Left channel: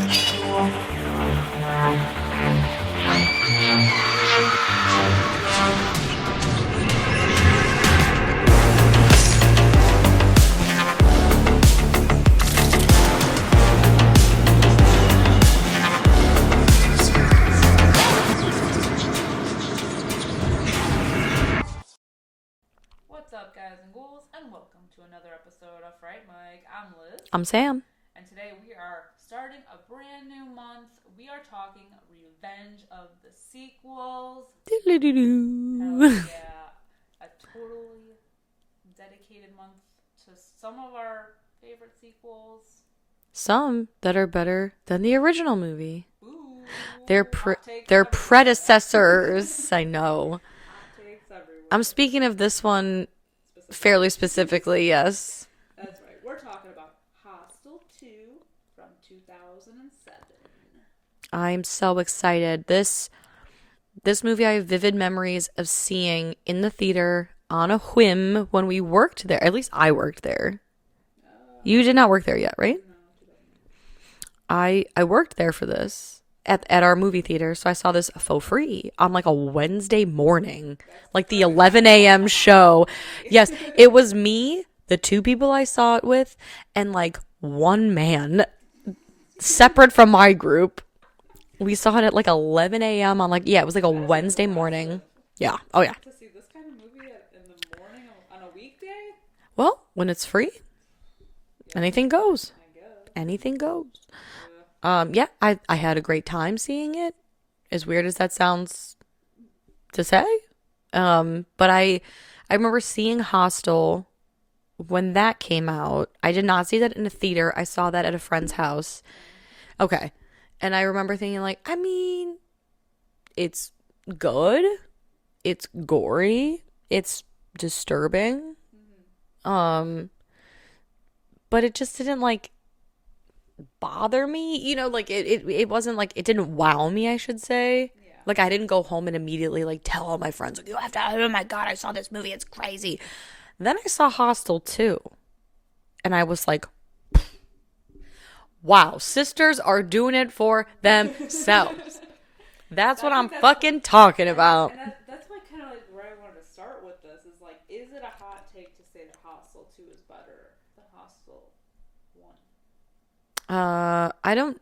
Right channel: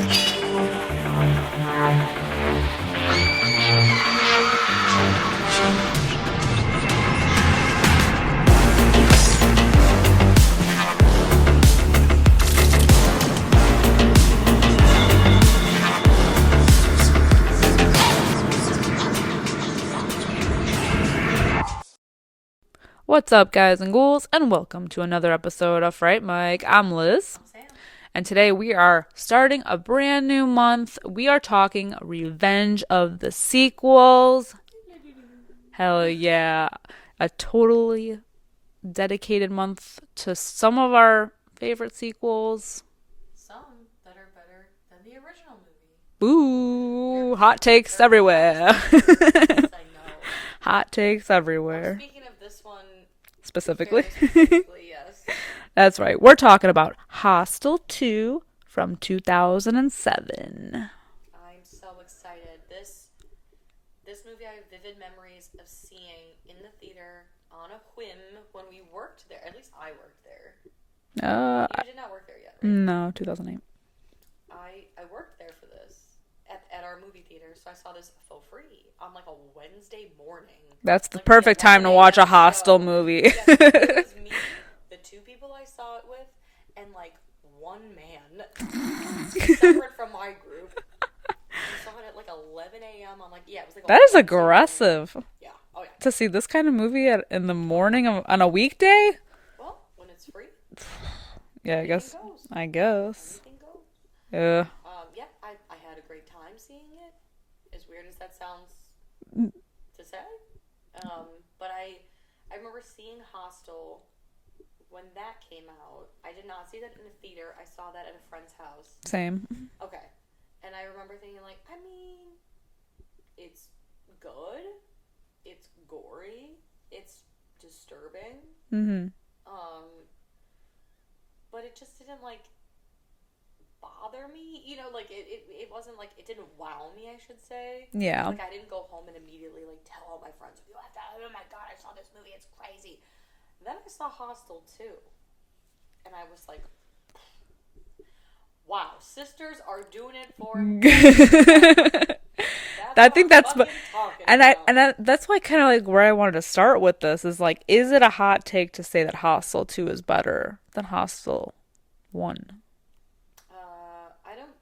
What's up, guys and ghouls, and welcome to another episode of Fright Mic. I'm Liz. I'm Sam. And today we are starting a brand new month. We are talking Revenge of the Sequels. Hell yeah. A totally dedicated month to some of our favorite sequels. Some that are better than the original movie. Ooh, They're hot takes they're everywhere. Predecessors. I know. Hot takes everywhere. I'm speaking of this one specifically. fairly specifically, yes. That's right. We're talking about Hostel 2 from 2007. I'm so excited. This movie I have vivid memories of seeing in the theater on a whim when we worked there. At least I worked there. You did not work there yet, right? No, 2008. I worked there for this at our movie theater, so I saw this for free on like a Wednesday morning. That's like perfect the 11 time to watch a a.m. Hostel show. movie. Yes, it was me, the two people I saw it with, and like one man separate from my group. We saw it at like 11 a.m. on like, yeah, it was like a Wednesday morning. Yeah. Oh yeah. To see this kind of movie in the morning on a weekday? Well, when it's free. Yeah, anything goes. I guess. Anything goes. Yeah. Yeah, I had a great time seeing it. As weird as that sounds to say. But I remember seeing Hostel when that came out. I did not see that in a theater. I saw that at a friend's house. Same. Okay. And I remember thinking like, I mean, it's good. It's gory. It's disturbing. Mm-hmm. But it just didn't like bother me, you know, like it wasn't like, it didn't wow me, I should say. Yeah. Like I didn't go home and immediately like tell all my friends, like, you have to, oh my God, I saw this movie, it's crazy. Then I saw Hostel 2 and I was like, wow, sisters are doing it for themselves. That's what I'm fucking talking about. That's why kind of like where I wanted to start with this is like, is it a hot take to say that Hostel 2 is better than Hostel 1? I don't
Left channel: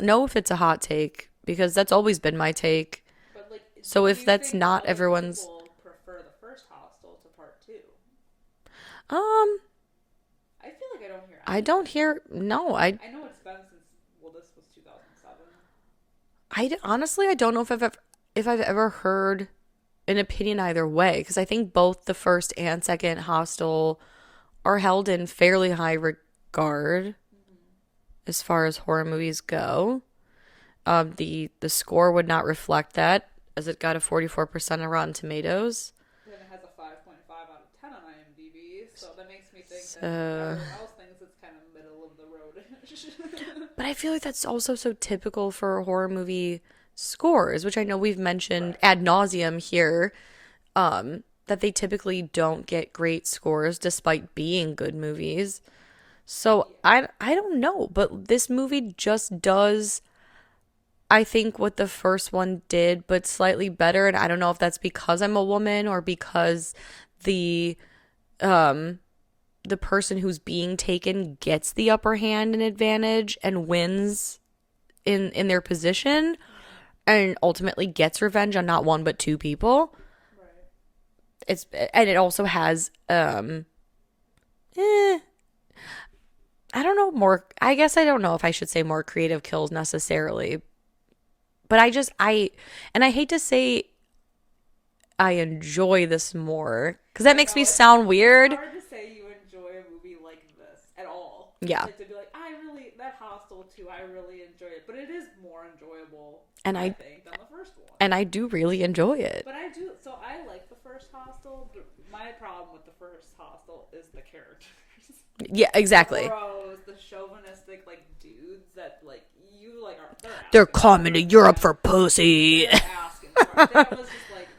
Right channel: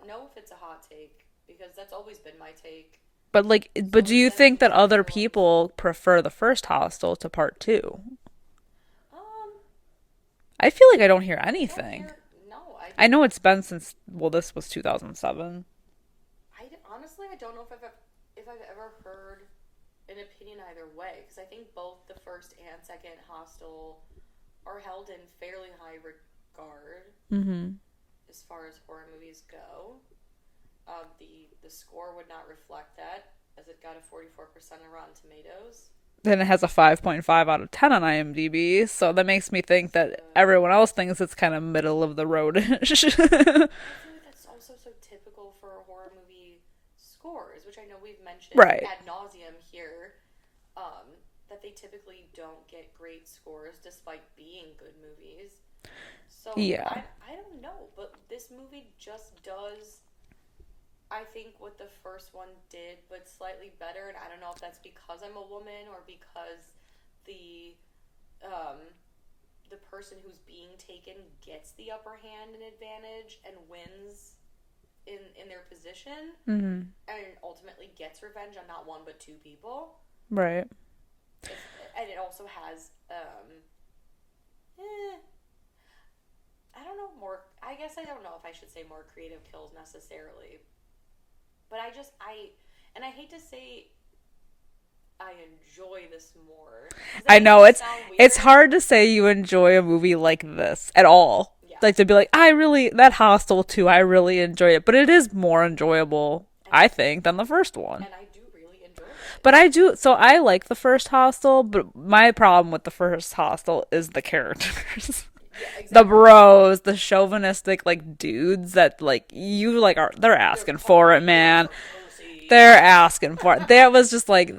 know if it's a hot take because that's always been my take. But like, so but do you think that other everyone's... people prefer the first Hostel to part 2? I feel like I don't hear anything. I don't hear. No, I know it's been since. Well, this was 2007. Honestly, I don't know if I've ever heard an opinion either way, because I think both the first and second Hostel are held in fairly high regard as far as horror movies go. The score would not reflect that, as it got a 44% on Rotten Tomatoes. Then it has a 5.5 out of 10 on IMDb, so that makes me think that everyone else thinks it's kind of middle of the road-ish. But I feel like that's also so typical for horror movie scores, which I know we've mentioned ad nauseum here, that they typically don't get great scores despite being good movies. So yeah. I don't know, but this movie just does, I think, what the first one did, but slightly better. And I don't know if that's because I'm a woman or because the person who's being taken gets the upper hand and advantage and wins in their position and ultimately gets revenge on not one but two people. Right. And it also has I don't know, more, I guess I don't know if I should say more creative kills necessarily. But I hate to say I enjoy this more, because that makes me sound weird. It's hard to say you enjoy a movie like this at all. Yeah. Like to be like, that Hostel 2, I really enjoy it. But it is more enjoyable, I think, than the first one. And I do really enjoy it. But so I like the first Hostel, but my problem with the first Hostel is the characters. Yeah, exactly. The bros, the chauvinistic, like, dudes that, like, they're asking for it, man. You're up for pussy. They're asking for it. That was just like,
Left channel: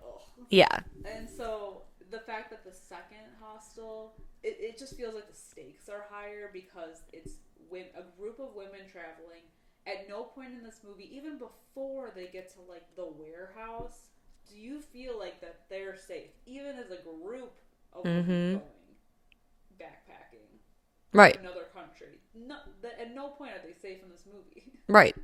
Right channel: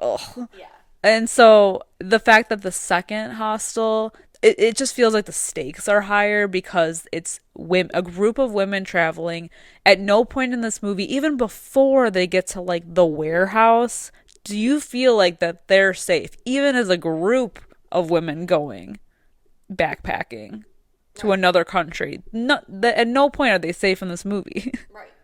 ugh. Yeah. And so the fact that the second Hostel, it just feels like the stakes are higher because it's a group of women traveling. At no point in this movie, even before they get to like the warehouse, do you feel like that they're safe, even as a group of women going backpacking to another country. At no point are they safe in this movie. Right.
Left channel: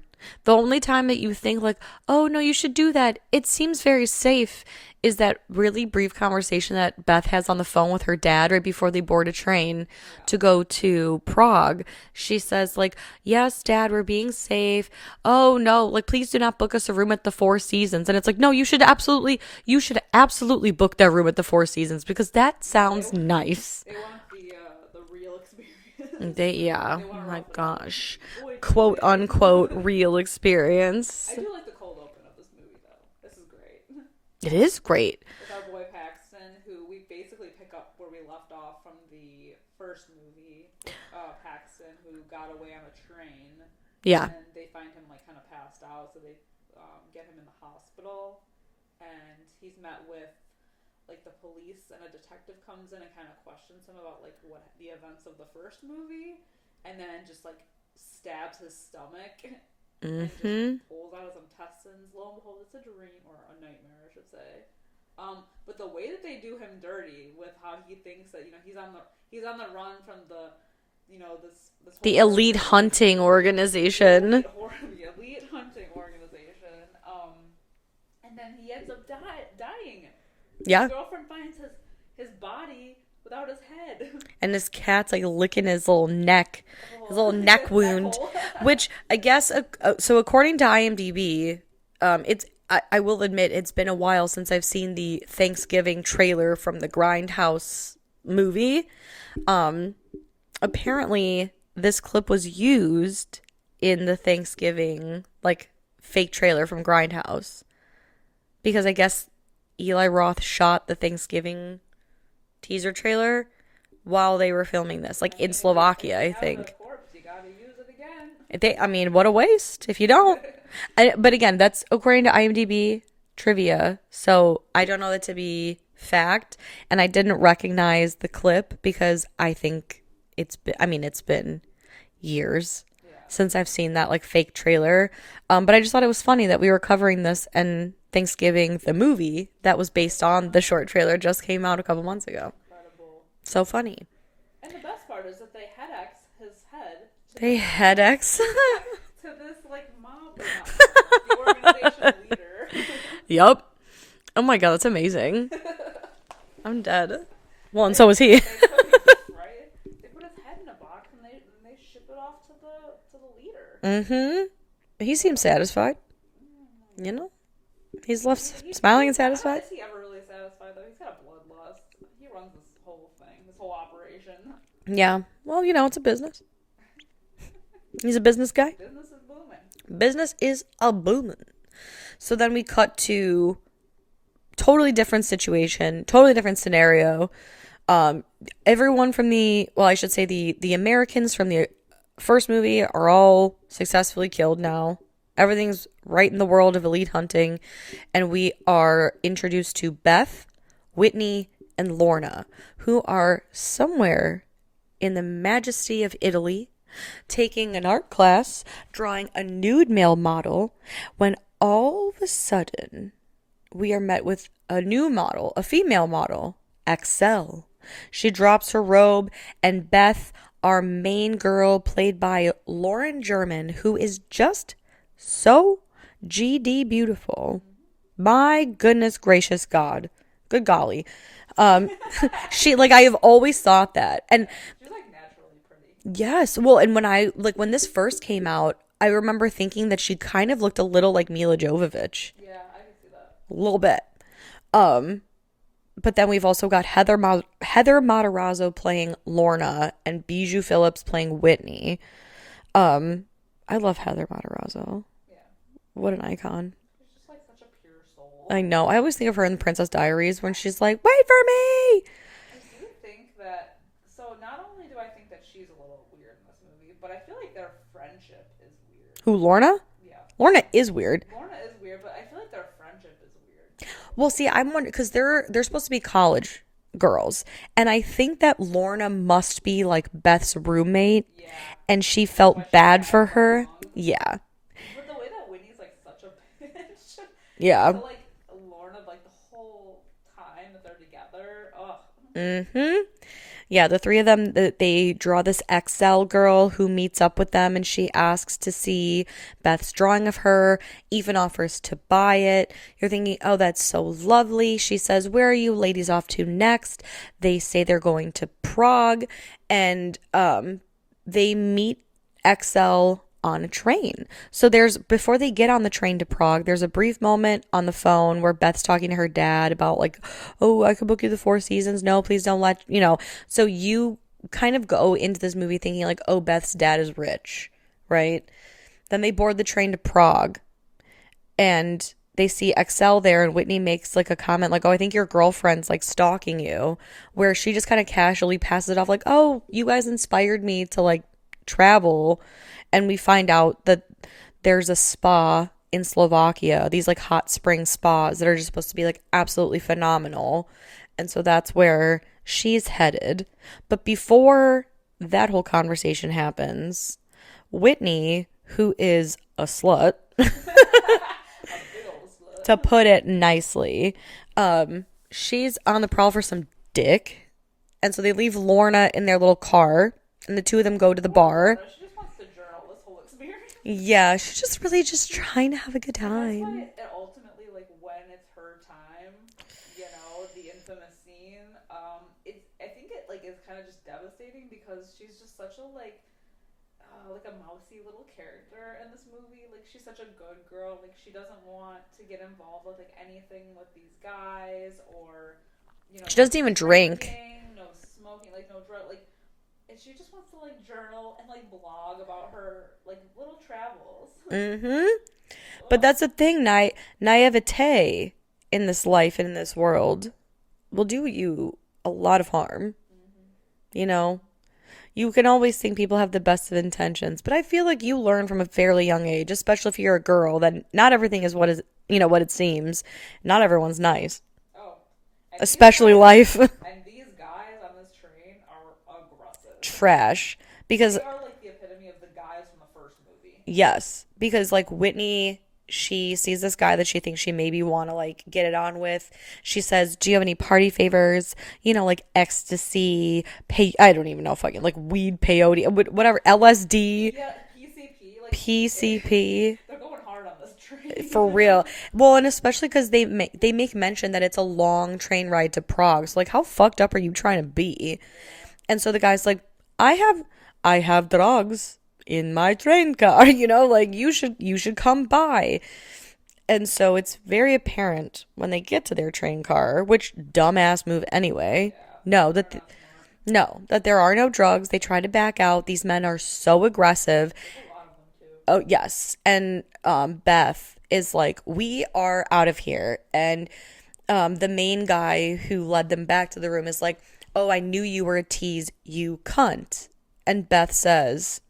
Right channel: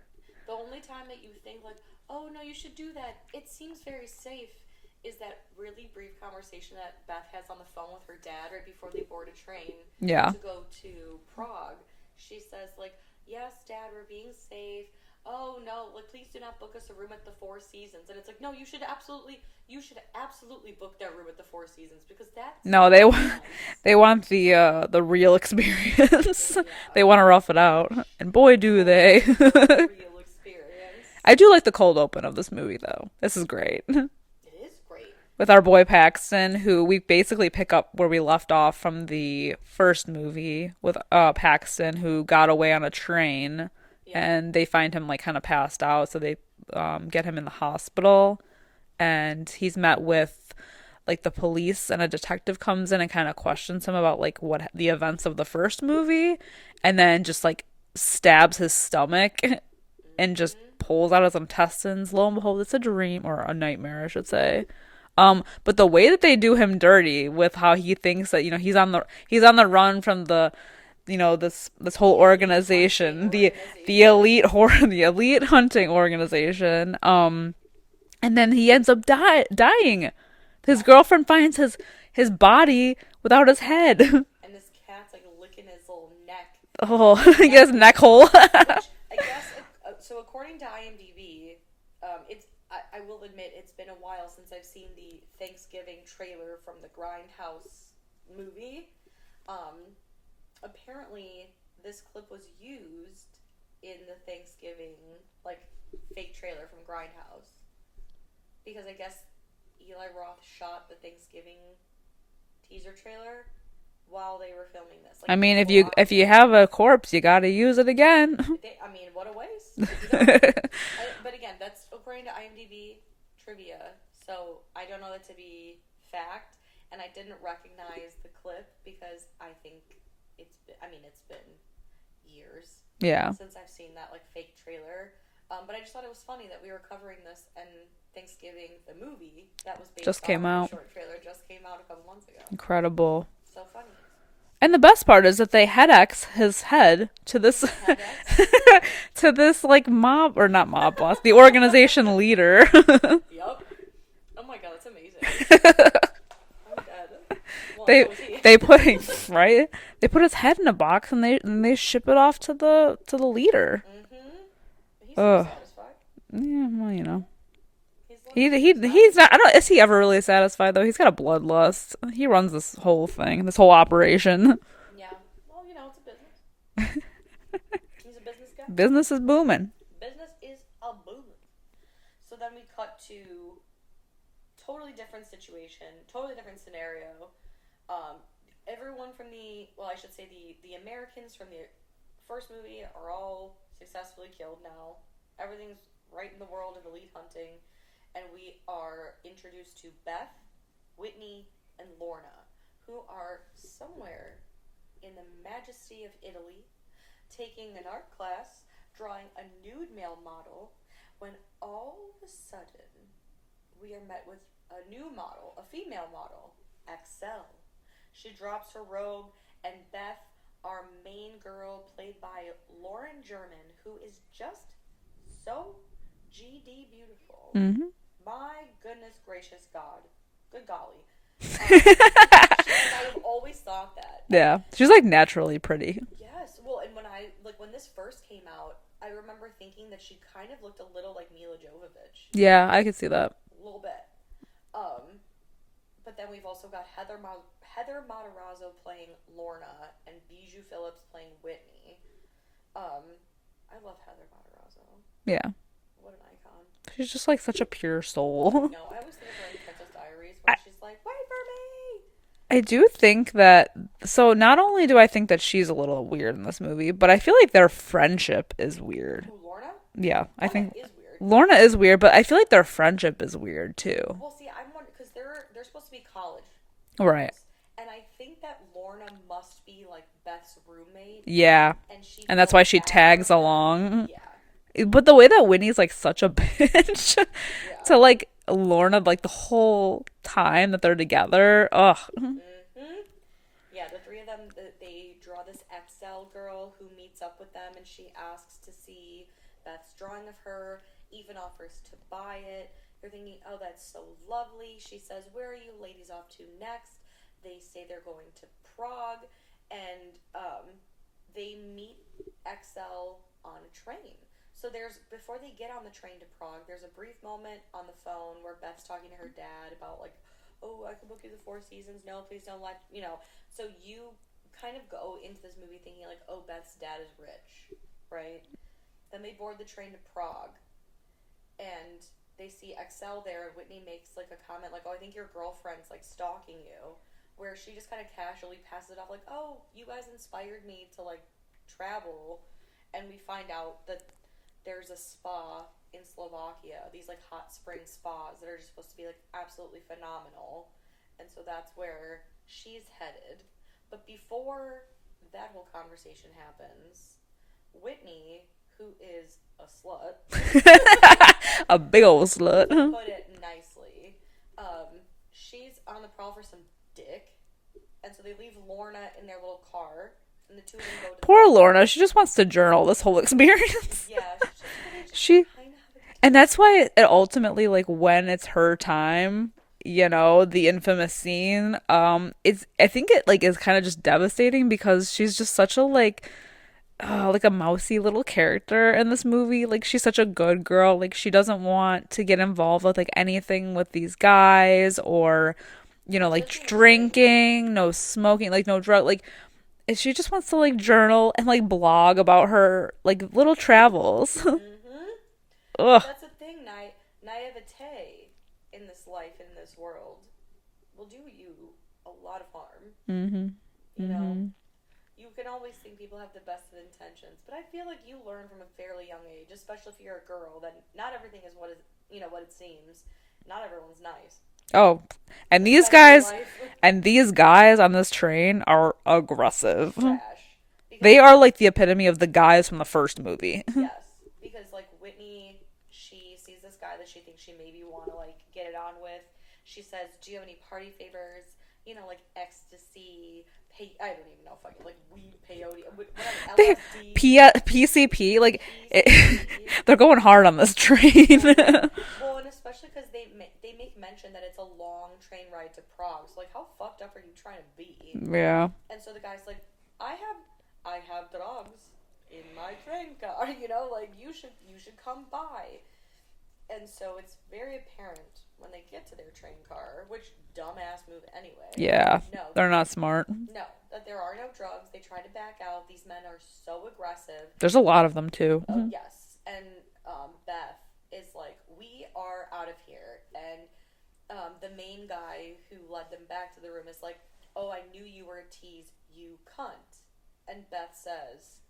The only time that you think like, oh no, you should do that, it seems very safe, is that really brief conversation that Beth has on the phone with her dad right before they board a train to go to Prague. She says like, yes, Dad, we're being safe. Oh no, like please do not book us a room at the Four Seasons. And it's like, no, you should absolutely book that room at the Four Seasons because that sounds nice. They want the real experience. They want to rough it out. And boy, do quote, they. Unquote, real experience. I do like the cold open of this movie though. This is great. It is great. With our boy Paxton, who we basically pick up where we left off from the first movie with Paxton, who got away on a train. Yeah. And they find him like kind of passed out, so they get him in the hospital. And he's met with like the police, and a detective comes in and kind of questions him about like what the events of the first movie, and then just like stabs his stomach. And just pulls out his intestines. Lo and behold, it's a dream, or a nightmare, I should say. But the way that they do him dirty with how he thinks that, you know, he's on the run from the, you know, this whole organization, the elite hunting organization. And then he ends up dying. His girlfriend finds his body without his head, and his cat's like licking his little neck. Neck hole. Which I guess, so according to IMDb, I will admit it's been a while since I've seen the Thanksgiving trailer from the Grindhouse movie. Apparently this clip was used in the Thanksgiving like fake trailer from Grindhouse, because I guess Eli Roth shot the Thanksgiving teaser trailer while they were filming this. Like, I mean, if you have a corpse, you got to use it again. I mean, what a waste if you don't. But again, that's according to IMDb trivia, so I don't know that to be fact. And I didn't recognize the clip because I think it's been years since I've seen that like fake trailer. But I just thought it was funny that we were covering this, and Thanksgiving, the movie that was based on the short trailer, just came out a couple months ago. Incredible. So funny. And the best part is that they head-X his head to this head-X to this like mob, or not mob boss, the organization leader. Yup. Oh my god, that's amazing. I'm dead. Well, and so is he. They put his head in a box, and they ship it off to the leader. Mm-hmm. He seems satisfied. Yeah, well, you know. He's left. He's not. I don't. Is he ever really satisfied though? He's got a bloodlust. He runs this whole thing, this whole operation. Yeah. Well, you know, it's a business. He's a business guy. Business is booming. Business is a booming. So then we cut to totally different situation, totally different scenario. Everyone from the Americans from the first movie are all successfully killed now. Everything's right in the world of elite hunting, and we are introduced to Beth, Whitney, and Lorna, who are somewhere in the majesty of Italy, taking an art class, drawing a nude male model, when all of a sudden we are met with a new model, a female model, Excel. She drops her robe, and Beth, our main girl, played by Lauren German, who is just so GD beautiful. Mm-hmm. My goodness gracious God. Good golly. She, like, I have always thought that. And she's like naturally pretty. Yes. Well, and when this first came out, I remember thinking that she kind of looked a little like Mila Jovovich. Yeah, I could see that. A little bit. But then we've also got Heather Matarazzo playing Lorna and Bijou Phillips playing Whitney. I love Heather Matarazzo. Yeah. What an icon. She's just like such a pure soul. I know. I always think of her in The Princess Diaries when she's like, wait for me. I do think that, so not only do I think that she's a little weird in this movie, but I feel like their friendship is weird. Who, Lorna? Yeah. Lorna is weird. Lorna is weird, but I feel like their friendship is weird too. Well, see, I'm wondering, because they're supposed to be college girls. And I think that Lorna must be like Beth's roommate. Yeah. And she And felt that's why she bad tags for her. along. Yeah. But the way that Whitney's like such a bitch Yeah. to like Lorna like the whole time that they're together. Ugh. Mm-hmm. Yeah, the three of them, they draw this XL girl who meets up with them, and she asks to see Beth's drawing of her, even offers to buy it. You're thinking, oh, that's so lovely. She says, where are you ladies off to next? They say they're going to Prague, and they meet XL on a train. So before they get on the train to Prague, there's a brief moment on the phone where Beth's talking to her dad about like, oh, I could book you the Four Seasons. No, please don't so you kind of go into this movie thinking like, oh, Beth's dad is rich, right? Then they board the train to Prague and they see XL there, and Whitney makes like a comment like, oh, I think your girlfriend's like stalking you, where she just kind of casually passes it off like, oh, you guys inspired me to like travel. And we find out that there's a spa in Slovakia, these like hot spring spas that are just supposed to be like absolutely phenomenal. And so that's where she's headed. But before that whole conversation happens, Whitney, who is a slut, a big old slut, to put it nicely, she's on the prowl for some dick. And so they leave Lorna in their little car. And the two of them go to the bar. Lorna, she just wants to journal this whole experience. Yeah, she's just really trying to have a good time. And that's why it ultimately, like, when it's her time, the infamous scene, I think it, like, is kind of just devastating because she's just such a, like a mousy little character in this movie. Like, she's such a good girl. Like, she doesn't want to get involved with, like, anything with these guys or, she like, doesn't even drinking, no smoking, like, no drug, like, she just wants to like journal and like blog about her like little travels. Mm-hmm. But that's the thing, naivete in this life and in this world will do you a lot of harm. Mm-hmm. You can always think people have the best of intentions, but I feel like you learn from a fairly young age, especially if you're a girl, that not everything is what it seems. Not everyone's nice. Oh. And these guys on this train are aggressive. Trash. Because they are like the epitome of the guys from the first movie. Yes. Because like Whitney, she sees this guy that she thinks she maybe want to like get it on with. She says, do you have any party favors? Like ecstasy, I don't even know fucking like weed, peyote, whatever, LSD, PCP, like PCP. They're going hard on this train. For real. Well, and especially because they make mention that it's a long train ride to Prague. So like, how fucked up are you trying to be? Yeah. And so the guy's like, I have drugs in my train car, like you should come by. And so it's very apparent when they get to their train car, which dumbass move anyway. Yeah. No, they're not smart. No, that there are no drugs. They try to back out. These men are so aggressive. There's a lot of them too. Oh, yes. And Beth is like, we are out of here. And the main guy who led them back to the room is like, oh, I knew you were a tease, you cunt. And Beth says,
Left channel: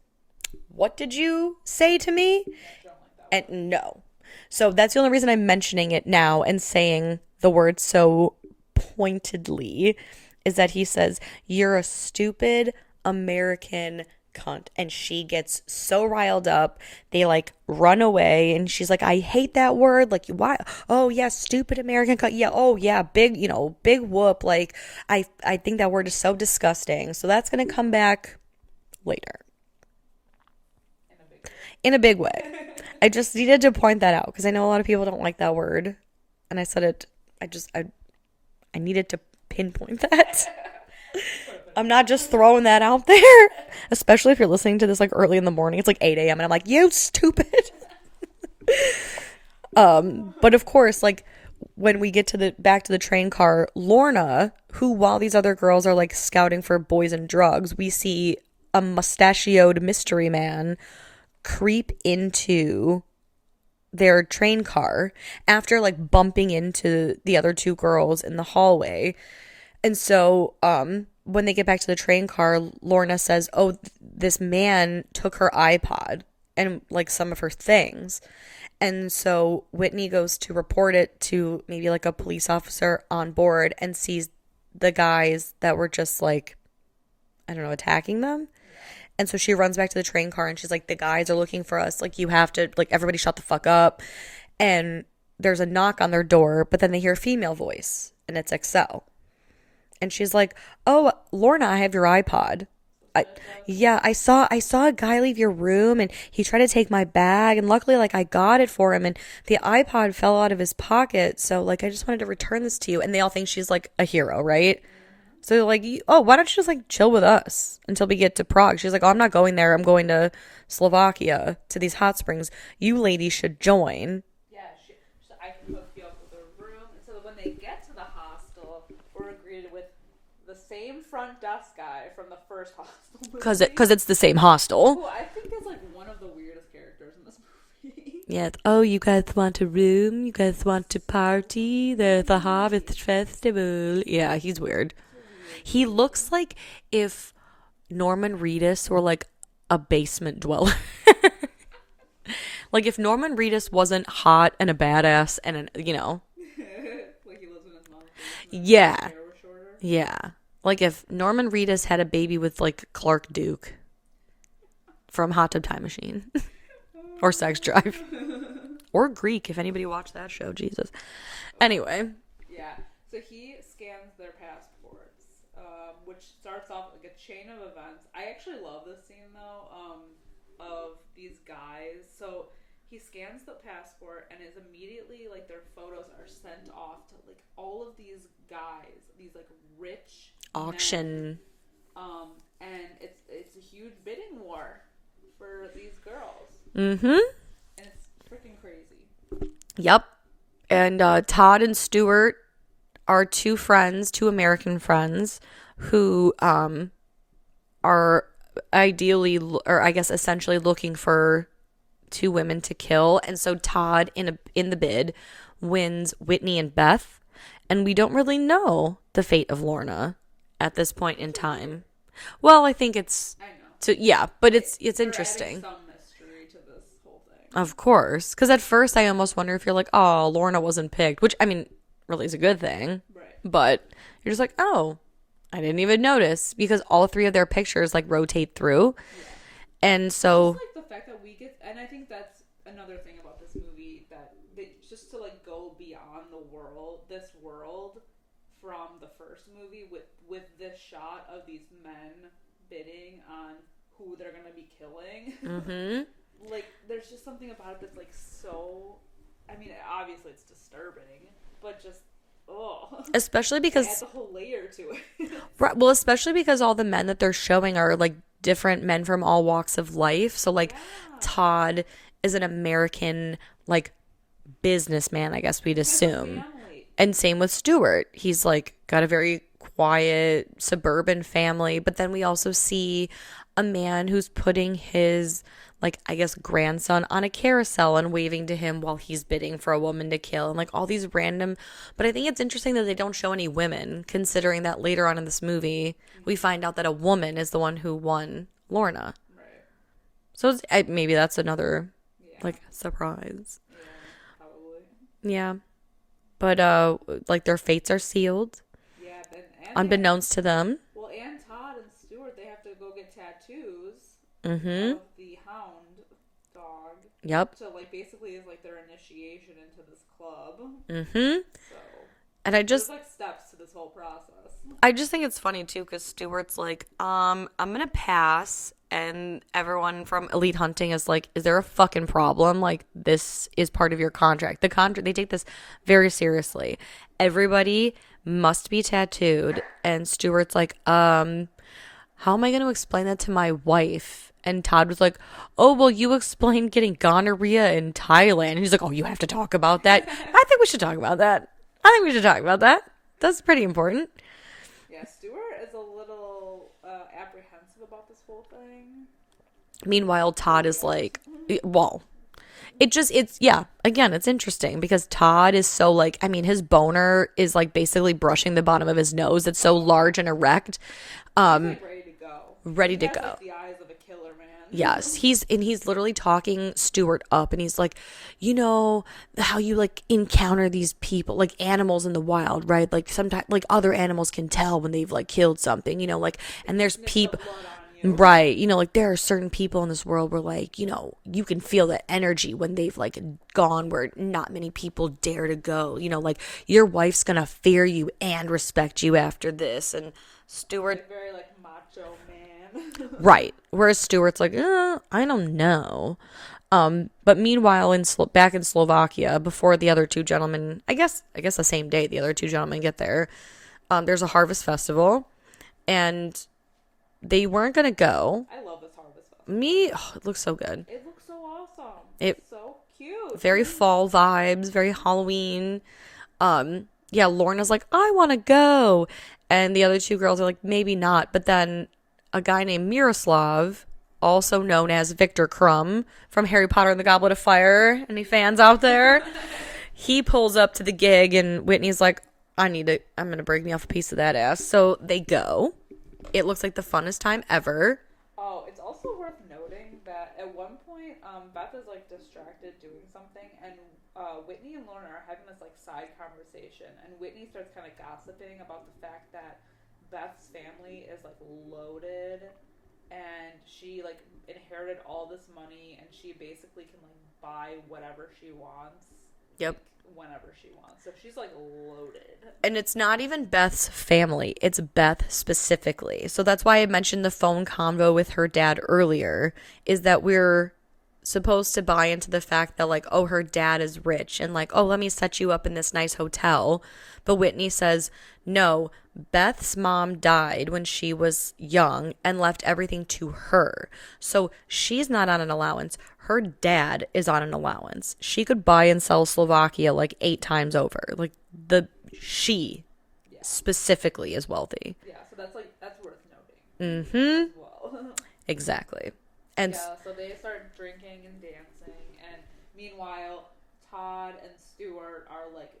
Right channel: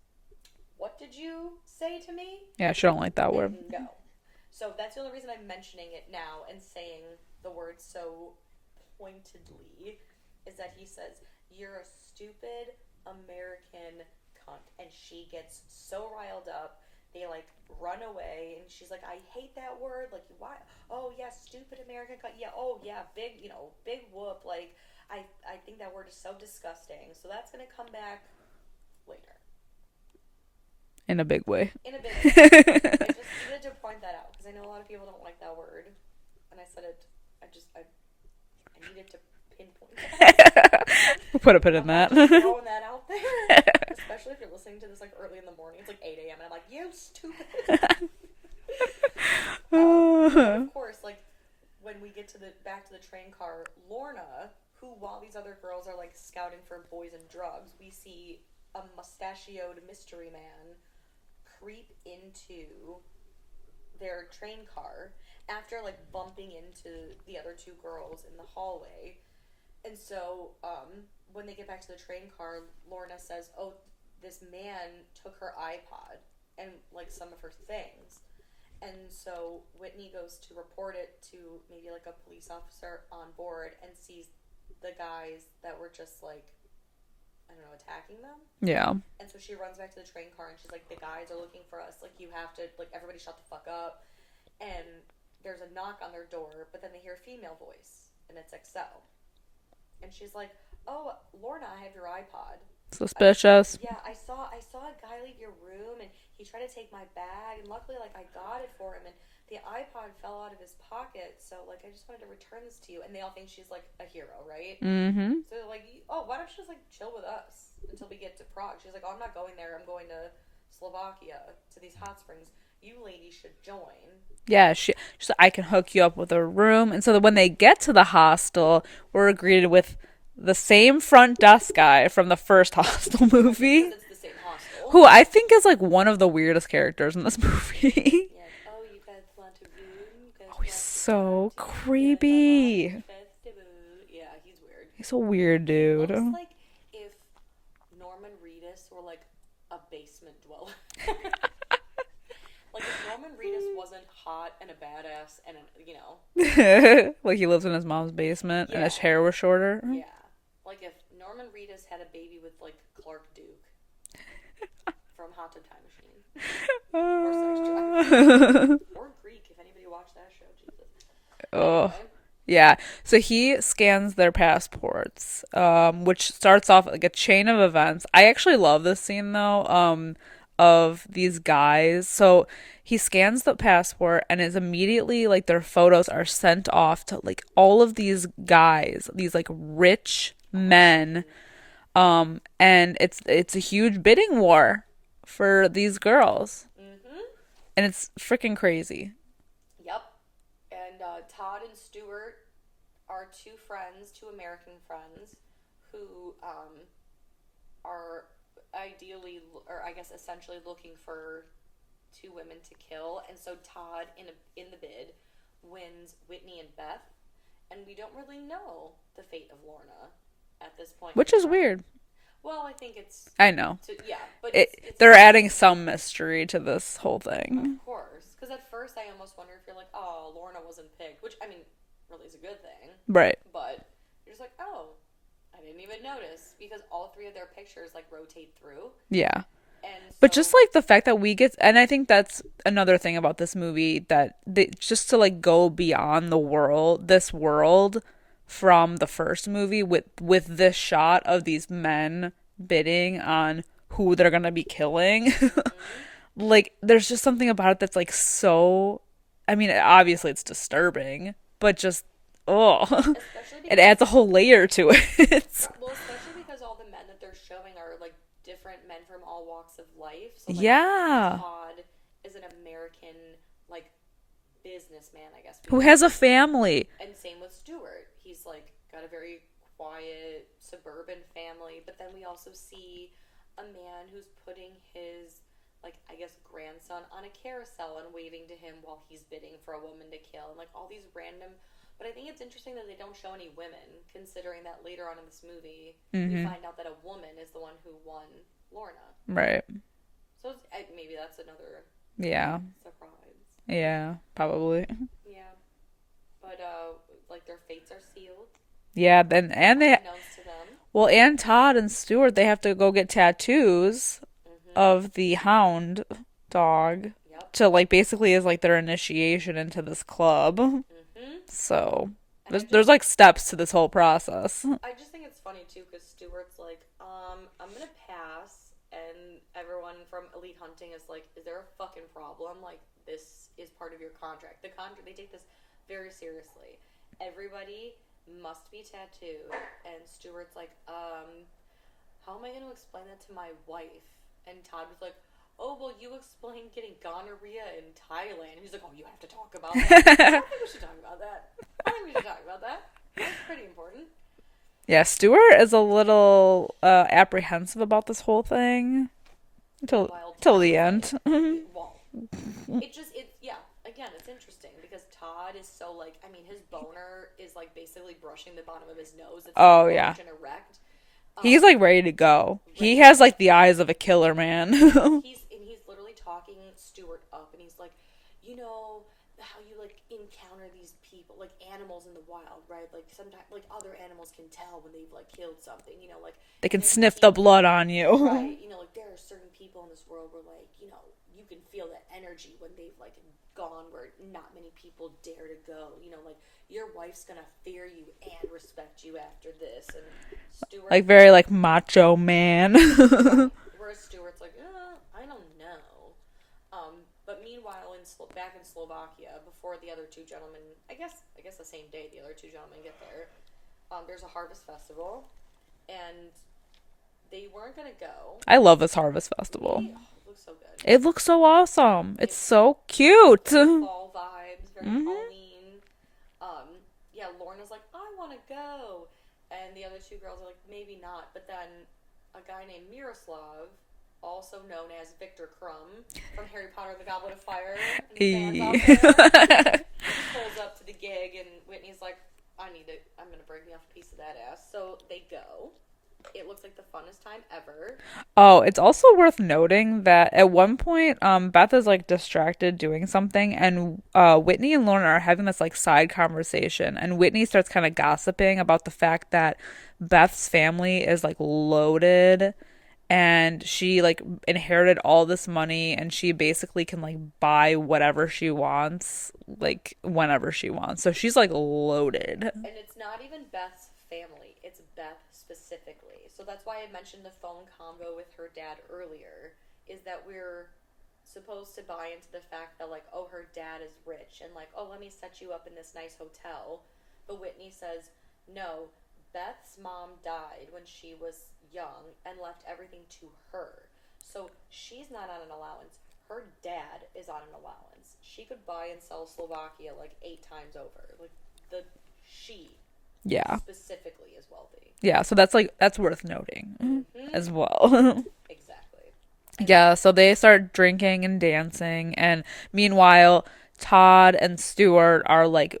what did you say to me? Yeah, she don't like that word. No. So that's the only reason I'm mentioning it now and saying the word so pointedly is that he says, you're a stupid American cunt. And she gets so riled up. They like run away and she's like, I hate that word. Like, why? Oh yeah, stupid American cunt. Yeah, oh yeah, big whoop. Like, I think that word is so disgusting. So that's gonna come back later. In a big way. I just needed to point that out because I know a lot of people don't like that word. And I said it, I needed to pinpoint that. Put a pin in I'm that. not just throwing that out there. Especially if you're listening to this like early in the morning. It's like 8 a.m. and I'm like, you stupid. But of course, like when we get to back to the train car, Lorna, who while these other girls are like scouting for boys and drugs, we see a mustachioed mystery man creep into their train car after like bumping into the other two girls in the hallway. And so when they get back to the train car, Lorna says, oh, this man took her iPod and like some of her things. And so Whitney goes to report it to maybe like a police officer on board and sees the guys that were just like, I don't know, attacking them. Yeah. And so she runs back to the train car and she's like, the guys are looking for us. Like, you have to, like, everybody shut the fuck up. And there's a knock on their door, but then they hear a female voice and it's Excel. And she's like, oh, Lorna, I have your iPod. Suspicious. I saw a guy leave your room and he tried to take my bag, and luckily, like, I got it for him and the iPod fell out of his pocket, so, like, I just wanted to return this to you. And they all think she's like a hero, right? Mm-hmm. So they're like, oh, why don't you just like chill with us until we get to Prague? She's like, oh, I'm not going there, I'm going to Slovakia to these hot springs. You ladies should join. Yeah, she's like, I can hook you up with a room. And so that when they get to the hostel, we're greeted with the same front desk guy from the first Hostel movie. Because it's the same hostel. Who I think is like one of the weirdest characters in this movie. Yeah. Oh, you guys want a room? You guys want to party? The Hobbit Festival. Yeah, he's weird. He's a weird dude. He looks like if Norman Reedus were like a basement dweller. Like if Norman Reedus wasn't hot and a badass and like he lives in his mom's basement. Yeah. And his hair was shorter. Yeah. Like if Norman Reedus had a baby with like Clark Duke from Hot Tub Time Machine or Sex Drive or Greek, if anybody watched that show. Jesus. Anyway. Yeah. So he scans their passports, which starts off like a chain of events. I actually love this scene though. Of these guys. So he scans the passport and is immediately like their photos are sent off to like all of these guys, these like rich men. And it's a huge bidding war for these girls. Mm-hmm. And it's freaking crazy. Yep. And Todd and Stuart are two American friends who are ideally, or I guess essentially, looking for two women to kill. And so Todd in the bid wins Whitney and Beth, and we don't really know the fate of Lorna at this point, which in is time. Weird. Well, I think it's, I know, but it's they're adding some mystery to this whole thing, of course, because at first I almost wonder if you're like, oh, Lorna wasn't picked, which I mean really is a good thing, right? But you're just like, oh, I didn't even notice, because all three of their pictures like rotate through. Yeah. And so, but just like the fact that we get, and I think that's another thing about this movie, that they just to like go beyond this world from the first movie with this shot of these men bidding on who they're gonna be killing. Mm-hmm. Like there's just something about it that's like so, I mean, obviously it's disturbing, but just especially because it adds a whole layer to it. Right, well, especially because all the men that they're showing are like different men from all walks of life. So like Todd is an American like businessman, I guess we'd assume, has a family. And same with Stuart. He's like got a very quiet suburban family, but then we also see a man who's putting his like, I guess, grandson on a carousel and waving to him while he's bidding for a woman to kill, and like all these random. But I think it's interesting that they don't show any women, considering that later on in this movie we find out that a woman is the one who won Lorna. Right. So maybe that's another like, surprise. Yeah, probably. Yeah. But like their fates are sealed. Yeah, then and unbeknownst to them. Well, and Todd and Stuart, they have to go get tattoos. Mm-hmm. Of the hound dog. Yep. To like basically is like their initiation into this club. Mm-hmm. So and there's like steps to this whole process. I just think it's funny too, because Stuart's like, I'm gonna pass, and everyone from Elite Hunting is like, is there a fucking problem? Like, this is part of your contract. They take this very seriously. Everybody must be tattooed, and Stuart's like, how am I going to explain that to my wife? And Todd was like, oh, well, you explained getting gonorrhea in Thailand. And he's like, oh, you have to talk about that? I think we should talk about that. That's pretty important. Yeah, Stuart is a little apprehensive about this whole thing. Meanwhile, Todd is like, well, again, it's interesting because Todd is so like, I mean, his boner is like basically brushing the bottom of his nose. It's so large and erect. He's like ready to go. He has like the eyes of a killer man. Yes, he's literally talking Stuart up, and he's like, you know how you like encounter these people, like animals in the wild, right? Like sometimes like other animals can tell when they've like killed something, you know, like they can sniff the blood on you, right? You know, like there are certain people in this world where like, you know, you can feel that energy when they've like gone where not many people dare to go. You know, like your wife's gonna fear you and respect you after this, and Stuart, like very like macho man. right, whereas Stuart's like, I don't know. But meanwhile back in Slovakia, before the other two gentlemen, I guess the same day the other two gentlemen get there, there's a harvest festival, and they weren't gonna go. I love this harvest festival. It looks so good. It looks so awesome. It's so cute. Very fall vibes, very Halloween. Yeah, Lorna's like, I want to go. And the other two girls are like, maybe not. But then a guy named Miroslav, also known as Victor Crumb from Harry Potter and the Goblet of Fire, any fans out there, he pulls up to the gig, and Whitney's like, I'm going to break me off a piece of that ass. So they go. It looks like the funnest time ever. Oh, it's also worth noting that at one point, Beth is like distracted doing something, and Whitney and Lorna are having this like side conversation, and Whitney starts kind of gossiping about the fact that Beth's family is like loaded, and she like inherited all this money, and she basically can like buy whatever she wants, like whenever she wants. So she's like loaded. And it's not even Beth's family, it's Beth specifically. So that's why I mentioned the phone convo with her dad earlier, is that we're supposed to buy into the fact that like, oh, her dad is rich, and like, oh, let me set you up in this nice hotel. But Whitney says, no, Beth's mom died when she was young and left everything to her. So she's not on an allowance. Her dad is on an allowance. She could buy and sell Slovakia like 8 times over. Like she specifically is wealthy. Yeah, so that's worth noting as well. Exactly. And so they start drinking and dancing, and meanwhile Todd and Stuart are like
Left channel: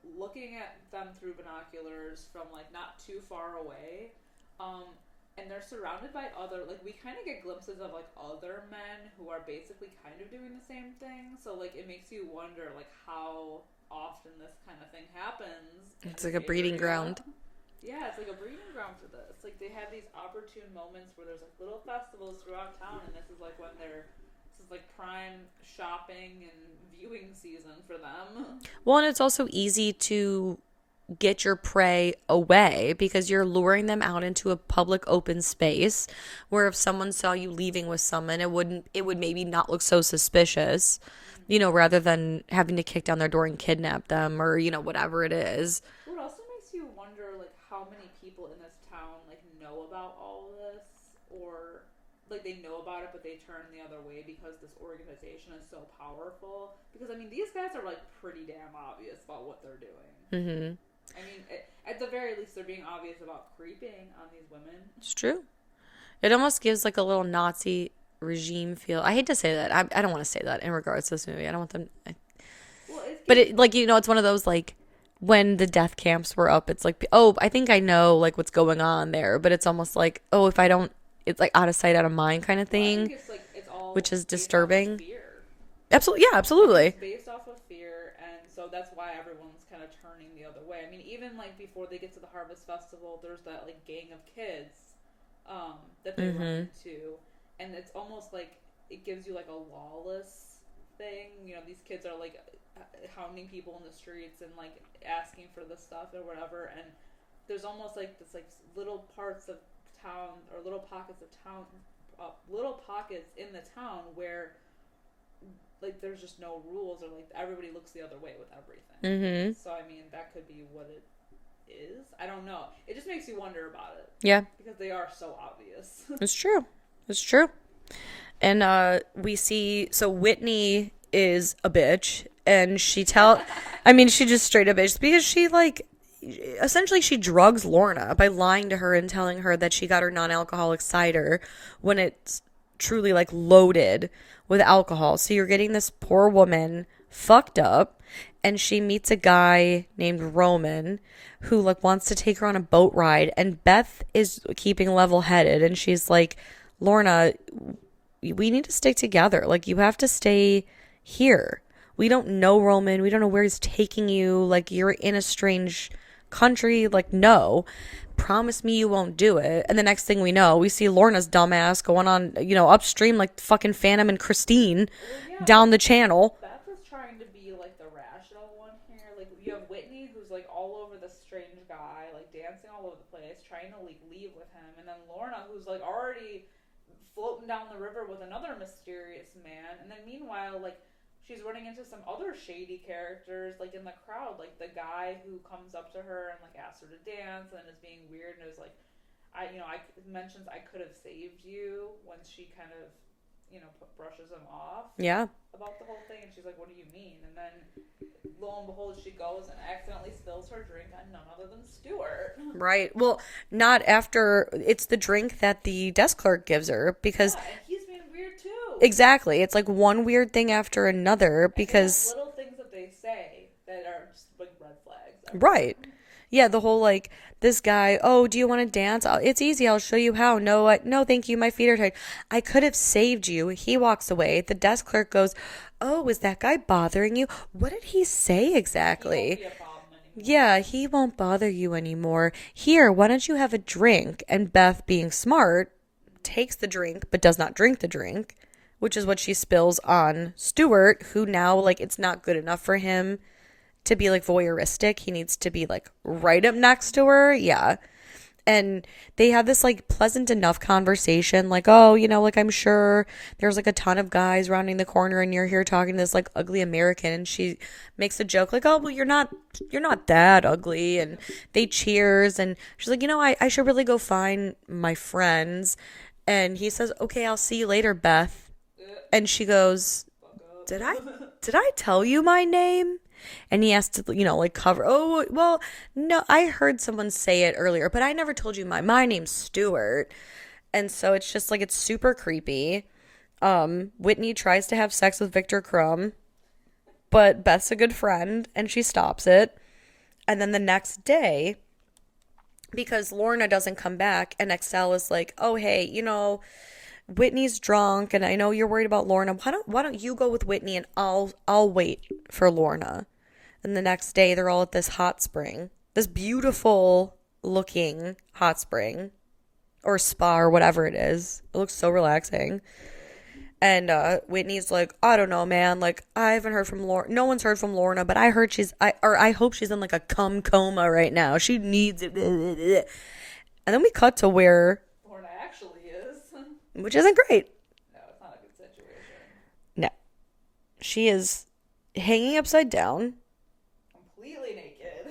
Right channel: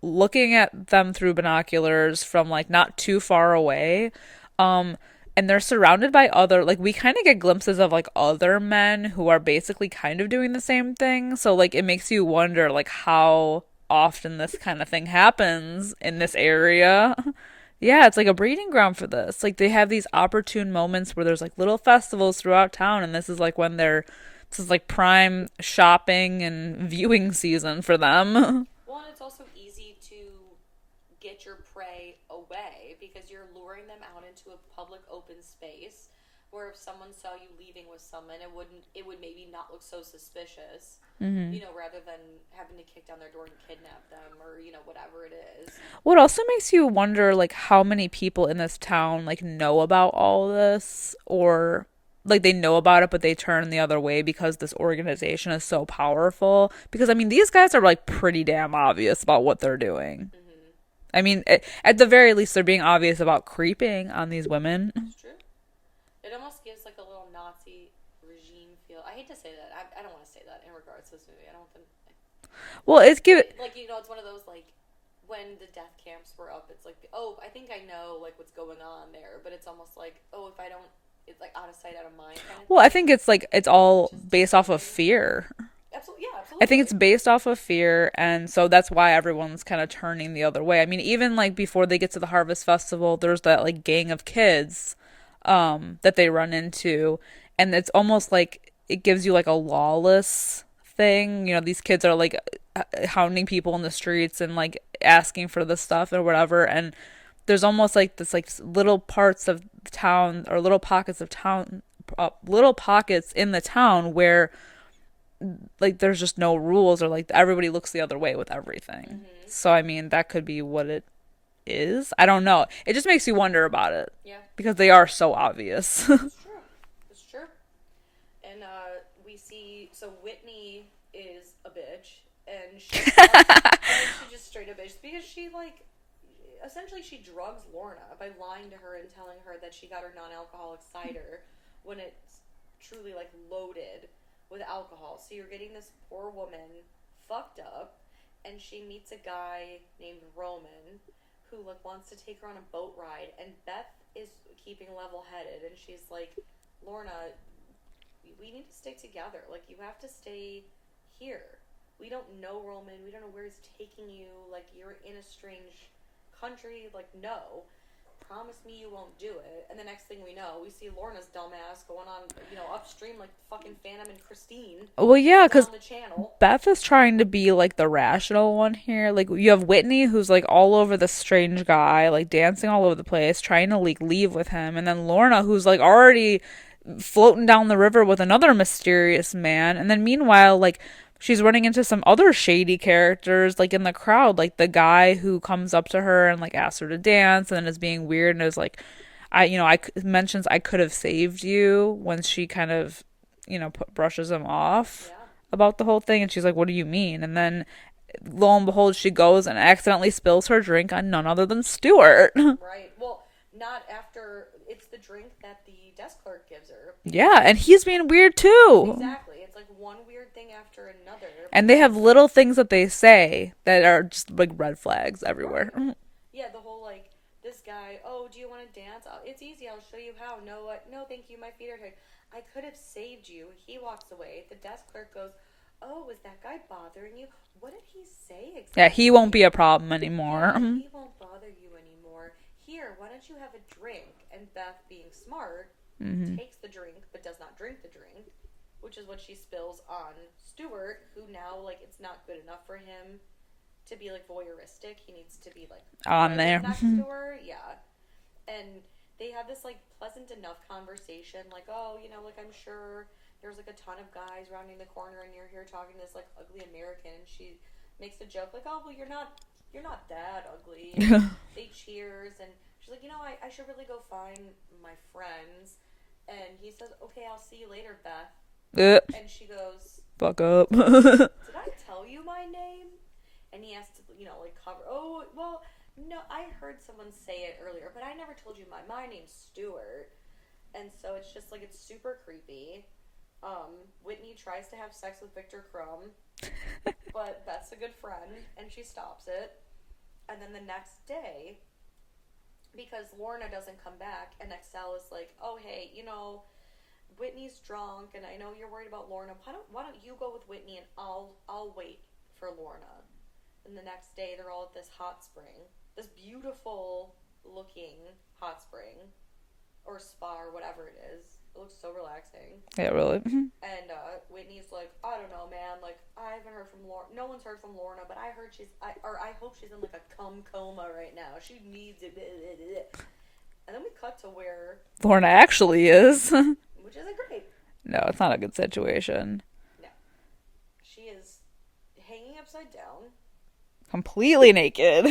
looking at them through binoculars from like not too far away, and they're surrounded by other, like, we kind of get glimpses of like other men who are basically kind of doing the same thing. So like it makes you wonder like how often this kind of thing happens in this area. Yeah, it's like a breeding ground for this. Like they have these opportune moments where there's like little festivals throughout town, and this is like when this is like prime shopping and viewing season for them. Well, and it's also easy to get your prey away because you're luring them out into a public open space where if someone saw you leaving with someone, it would maybe not look so suspicious, you know, rather than having to kick down their door and kidnap them or, you know, whatever it is. What also makes you wonder like how many people in this town like know about all this, or like they know about it but they turn the other way because this organization is so powerful. Because I mean, these guys are like pretty damn obvious about what they're doing. I mean, at the very least, they're being obvious about creeping on these women. It's true. It almost gives like a little Nazi regime feel. I hate to say that. I don't want to say that in regards to this movie. I don't want them. Well, it's good. Like, you know, it's one of those like when the death camps were up. It's like, oh, I think I know like what's going on there, but it's almost like, oh, if I don't, it's like out of sight, out of mind kind of thing. Well, I think it's like it's all based off of fear. Absolutely. Yeah, absolutely. I think it's based off of fear, and so that's why everyone's kind of turning the other way. I mean, even like before they get to the Harvest Festival, there's that like gang of kids that they run into, and it's almost like it gives you like a lawless thing. You know, these kids are like hounding people in the streets and like asking for this stuff or whatever, and there's almost like this like little parts of the town or little pockets of town, little pockets in the town where like there's just no rules, or like everybody looks the other way with everything. So I mean, that could be what it is. I don't know. It just makes you wonder about it. Yeah, because they are so obvious. It's true. And we see, so Whitney is a bitch, and she I mean, she just straight up bitch because she like essentially she drugs Lorna by lying to her and telling her that she got her non-alcoholic cider when it's truly like loaded with alcohol. So you're getting this poor woman fucked up, and she meets a guy named Roman who like wants to take her on a boat ride, and Beth is keeping level-headed, and she's like, Lorna, we need to stick together. Like, you have to stay here. We don't know Roman. We don't know where he's taking you. Like, you're in a strange country. Like, no. Promise me you won't do it. And the next thing we know, we see Lorna's dumbass going on, upstream like fucking Phantom and Christine. Well, yeah, down the channel. Beth is trying to be like the rational one here. Like, you have Whitney, who's like all over the strange guy, like dancing all over the place, trying to like leave with him, and then Lorna, who's like already floating down the river with another mysterious man, and then meanwhile, like, she's running into some other shady characters, like, in the crowd, like the guy who comes up to her and like asks her to dance and then is being weird and is like, I mentions I could have saved you when she kind of, brushes him off. Yeah. About the whole thing, and she's like, what do you mean? And then lo and behold, she goes and accidentally spills her drink on none other than Stuart. Right. Well, not after. It's the drink that the desk clerk gives her. Because yeah, and he's being weird too. Exactly. It's like one weird thing after another. And they have little things that they say that are just like red flags everywhere. Right. Yeah, the whole like, this guy, oh, do you want to dance? It's easy. I'll show you how. No, no, thank you. My feet are tired. I could have saved you. He walks away. The desk clerk goes, oh, is that guy bothering you? What did he say exactly? Yeah, he won't be a problem anymore. Yeah, he won't bother you anymore. Here, why don't you have a drink? And Beth, being smart, takes the drink, but does not drink the drink, which is what she spills on Stuart, who now, like, it's not good enough for him to be like voyeuristic. He needs to be like right up next to her. Yeah. And they have this like pleasant enough conversation, like, oh, like, I'm sure there's like a ton of guys rounding the corner and you're here talking to this like ugly American, and she makes a joke like, oh, well, you're not that ugly. And they cheers, and she's like, I should really go find my friends. And he says, okay, I'll see you later, Beth. And she goes, fuck up. Did I tell you my name? And he has to, like, cover. Oh, well, no, I heard someone say it earlier, but I never told you my name's Stuart. And so it's just like, it's super creepy. Whitney tries to have sex with Victor Crumb, but Beth's a good friend and she stops it. And then the next day, because Lorna doesn't come back, and Excel is like, oh, hey, Whitney's drunk and I know you're worried about Lorna. Why don't you go with Whitney and I'll wait for Lorna. And the next day they're all at this hot spring. This beautiful looking hot spring or spa or whatever it is. It looks so relaxing. Yeah, really. And Whitney's like, I don't know, man. Like, I haven't heard from Lorna. No one's heard from Lorna, but I heard I hope she's in like a coma right now. She needs it. And then we cut to where Lorna actually is. Which isn't great. No, it's not a good situation. No. She is hanging upside down. Completely naked.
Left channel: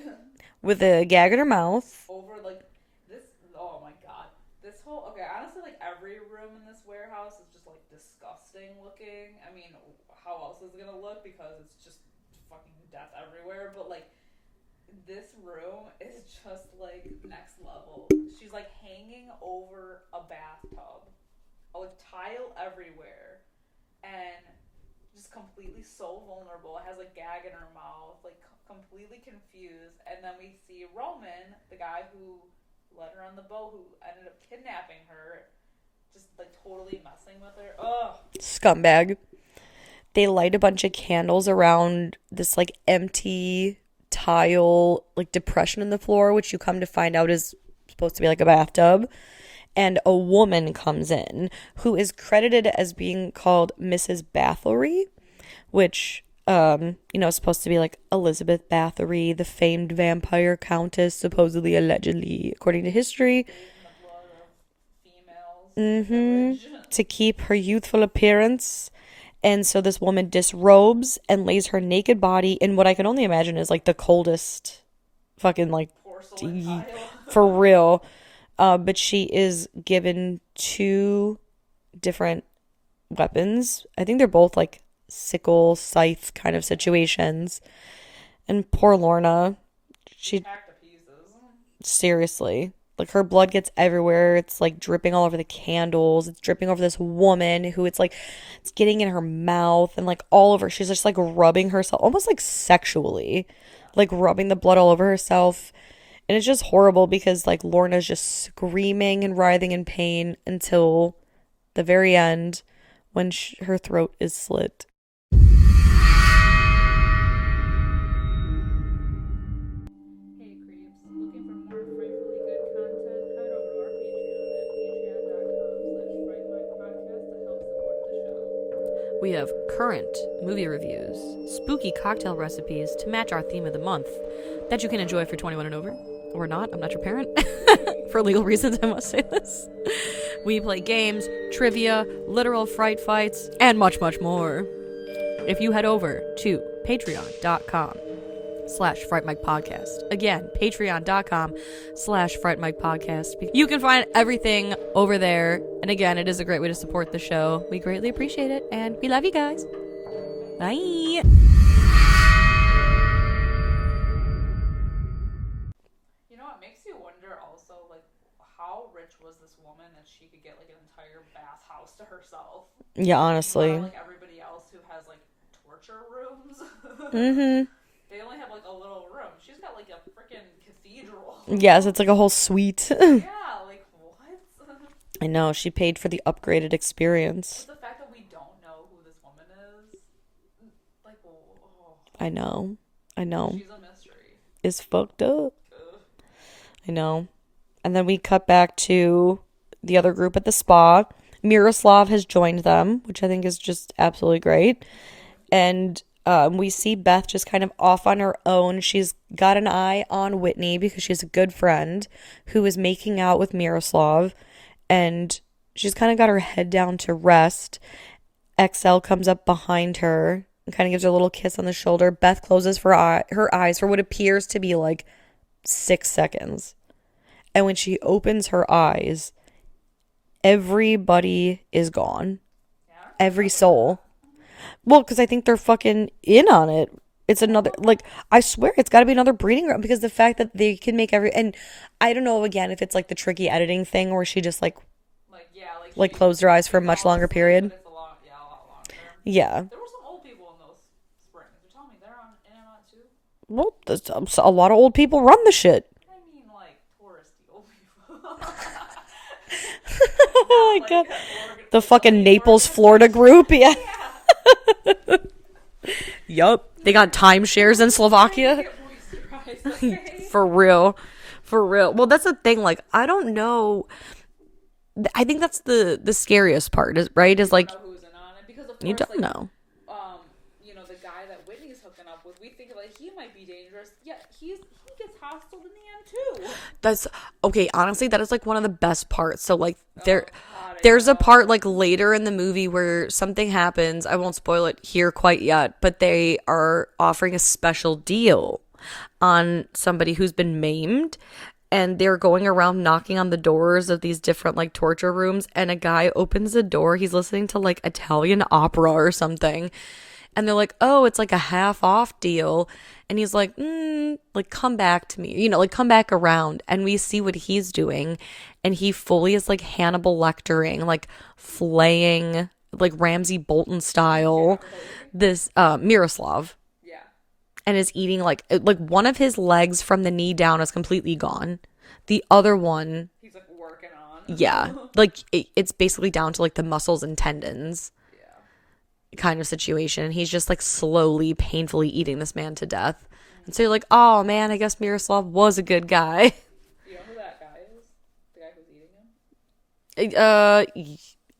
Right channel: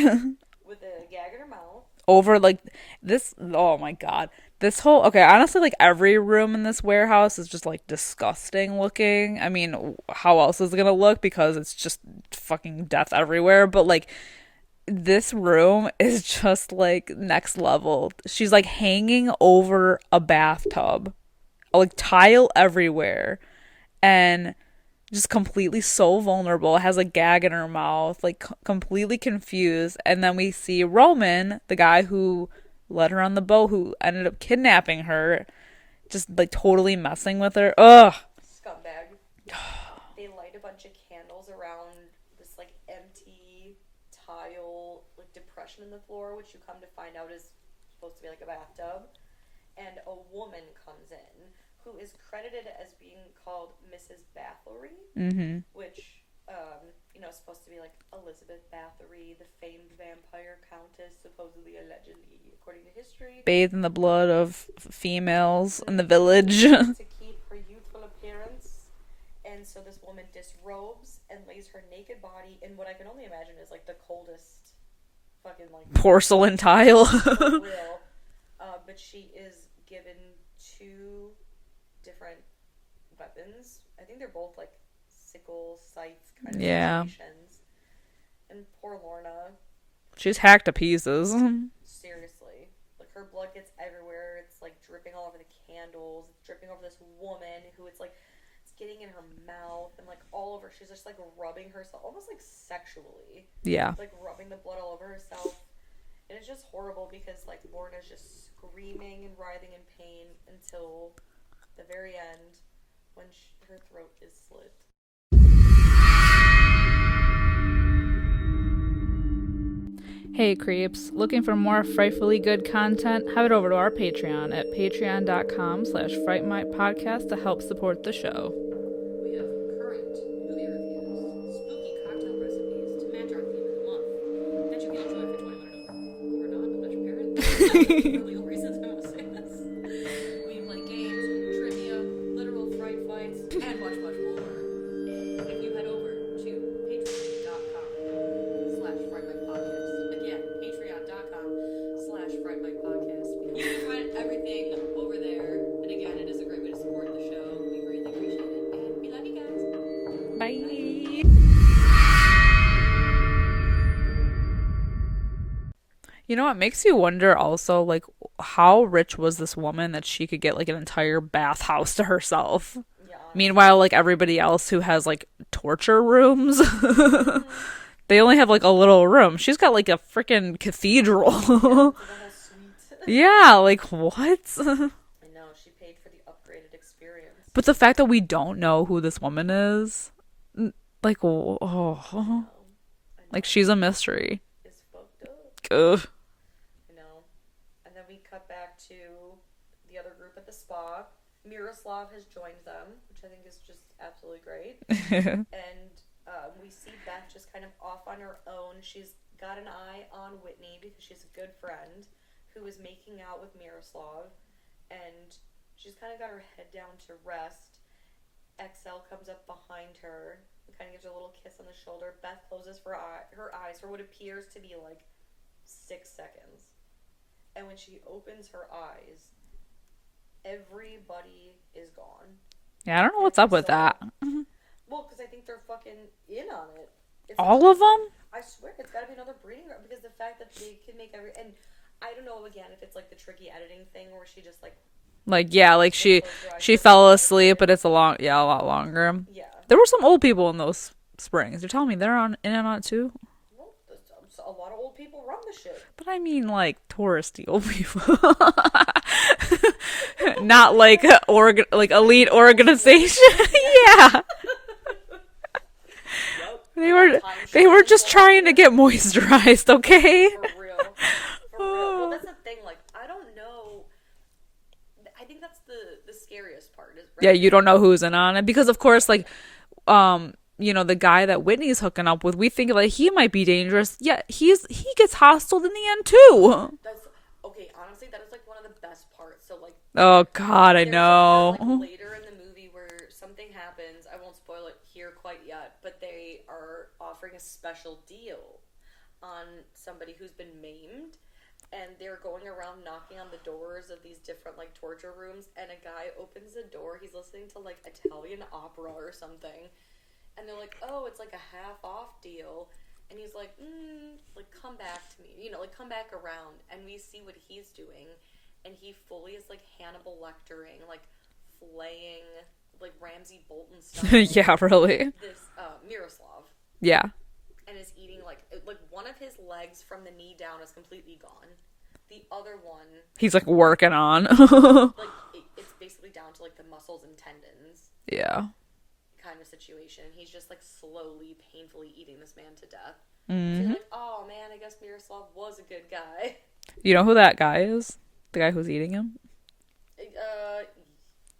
With a gag in her mouth. Over like this. Oh my God. This whole. Okay, honestly, like every room in this warehouse is just like disgusting looking. I mean, how else is it going to look? Because it's just fucking death everywhere. But like, this room is just like next level. She's like hanging over a bathtub, like tile everywhere, and just completely so vulnerable. Has a gag in her mouth, like completely confused. And then we see Roman, the guy who led her on the boat, who ended up kidnapping her, just like totally messing with her. Ugh, scumbag. They light a bunch of candles around this like empty tile like depression in the floor, which you come to find out is supposed to be like a bathtub. And a woman comes in who is credited as being called Mrs. Bathory, which is supposed to be like Elizabeth Bathory, the famed vampire countess, supposedly, allegedly, according to history, bathed in the blood of females in the village to keep her youthful appearance. And so this woman disrobes and lays her naked body in what I can only imagine is like the coldest fucking like porcelain tile. For real. But she is given 2 different weapons. I think they're both like sickle, scythe kind of situations. And poor Lorna. She's hacked to pieces. Seriously. Like, her blood gets everywhere. It's, like, dripping all over the candles. It's dripping over this woman who it's, like, it's getting in her mouth and, like, all over. She's just, like, rubbing herself, almost, like, sexually. Yeah. Like, rubbing the blood all over herself. And it's just horrible because, like, Lorna's just screaming and writhing in pain until the very end when her throat is slit. Hey creeps, looking for more frightfully good content? Head over to our Patreon at patreon.com/Fright Mic podcast to help support the show. We have current movie reviews, spooky cocktail recipes to match our theme of the month that you can enjoy if you're 21 and over. Or not, I'm not your parent. For legal reasons, I must say this. We play games, trivia, literal fright fights, and much, much more. If you head over to patreon.com/Fright Mic podcast. Again, patreon.com/Fright Mic podcast. You can find everything over there. And again, it is a great way to support the show. We greatly appreciate it. And we love you guys. Bye. Bye. You know, it makes you wonder also, like, how rich was this woman that she could get, like, an entire bathhouse to herself? Yeah, honestly. Meanwhile, like, everybody else who has, like, torture rooms, they only have, like, a little room. She's got, like, a freaking cathedral. Yes, it's like a whole suite. Yeah, like, what? I know, she paid for the upgraded experience. But the fact that we don't know who this woman is, like, oh. I know. Like, she's a mystery. Is fucked up. Ugh. I know. And then we cut back to the other group at the spa. Miroslav has joined them, which I think is just absolutely great. And we see Beth just kind of off on her own. She's got an eye on Whitney because she's a good friend who is making out with Miroslav. And she's kind of got her head down to rest. XL comes up behind her and kind of gives her a little kiss on the shoulder. Beth closes her eyes for what appears to be like 6 seconds. And when she opens her eyes, everybody is gone. Yeah, I don't know what's Every up with soul. that. Well, because I think they're fucking in on it. It's All another, of them? like, I swear it's got to be another breeding ground because the fact that they can make and I don't know, again, if it's like the tricky editing thing where she just like Yeah, like she closed her eyes she for a fell much longer asleep, period. but it's a lot longer. Yeah. There were some old people in those springs. You're telling me they're in and on it too? Well, a lot of old people run the shit. But I mean, like, touristy old people. Not like like elite Naples, organization. Florida group. Yeah. Yeah. Yup. They got timeshares They were in just Slovakia. trying to get moisturized, okay? For real. For real. Well, that's the thing. Like, I don't know. I think that's the scariest part, right? Yeah, you don't know who's in on it. Because, of course, like, know. you know, the guy that Whitney's hooking up with, we think like he might be dangerous. Yeah, he gets hostile in the end too. That's okay. Honestly, that is like one of the best parts. So like, oh God, there's a part like later in the movie where something happens. I won't spoil it here quite yet, but they are offering a special deal on somebody who's been maimed. And they're going around knocking on the doors of these different like torture rooms. And a guy opens the door. He's listening to like Italian opera or something. And they're like, oh, it's like a half off deal. And he's like, like, come back to me, you know, like, come back around. And we see what he's doing. And he fully is like Hannibal Lectering, like flaying, like Ramsay Bolton style. Yeah, really. This Miroslav. Yeah. And is eating like one of his legs from the knee down is completely gone. The other one, he's like working on. Yeah. Like it's basically down to like the muscles and tendons. Yeah. Kind of situation. He's just like slowly, painfully eating this man to death. So you're like, oh man, I guess Miroslav was a good guy. You know who that guy is? The guy who's eating him?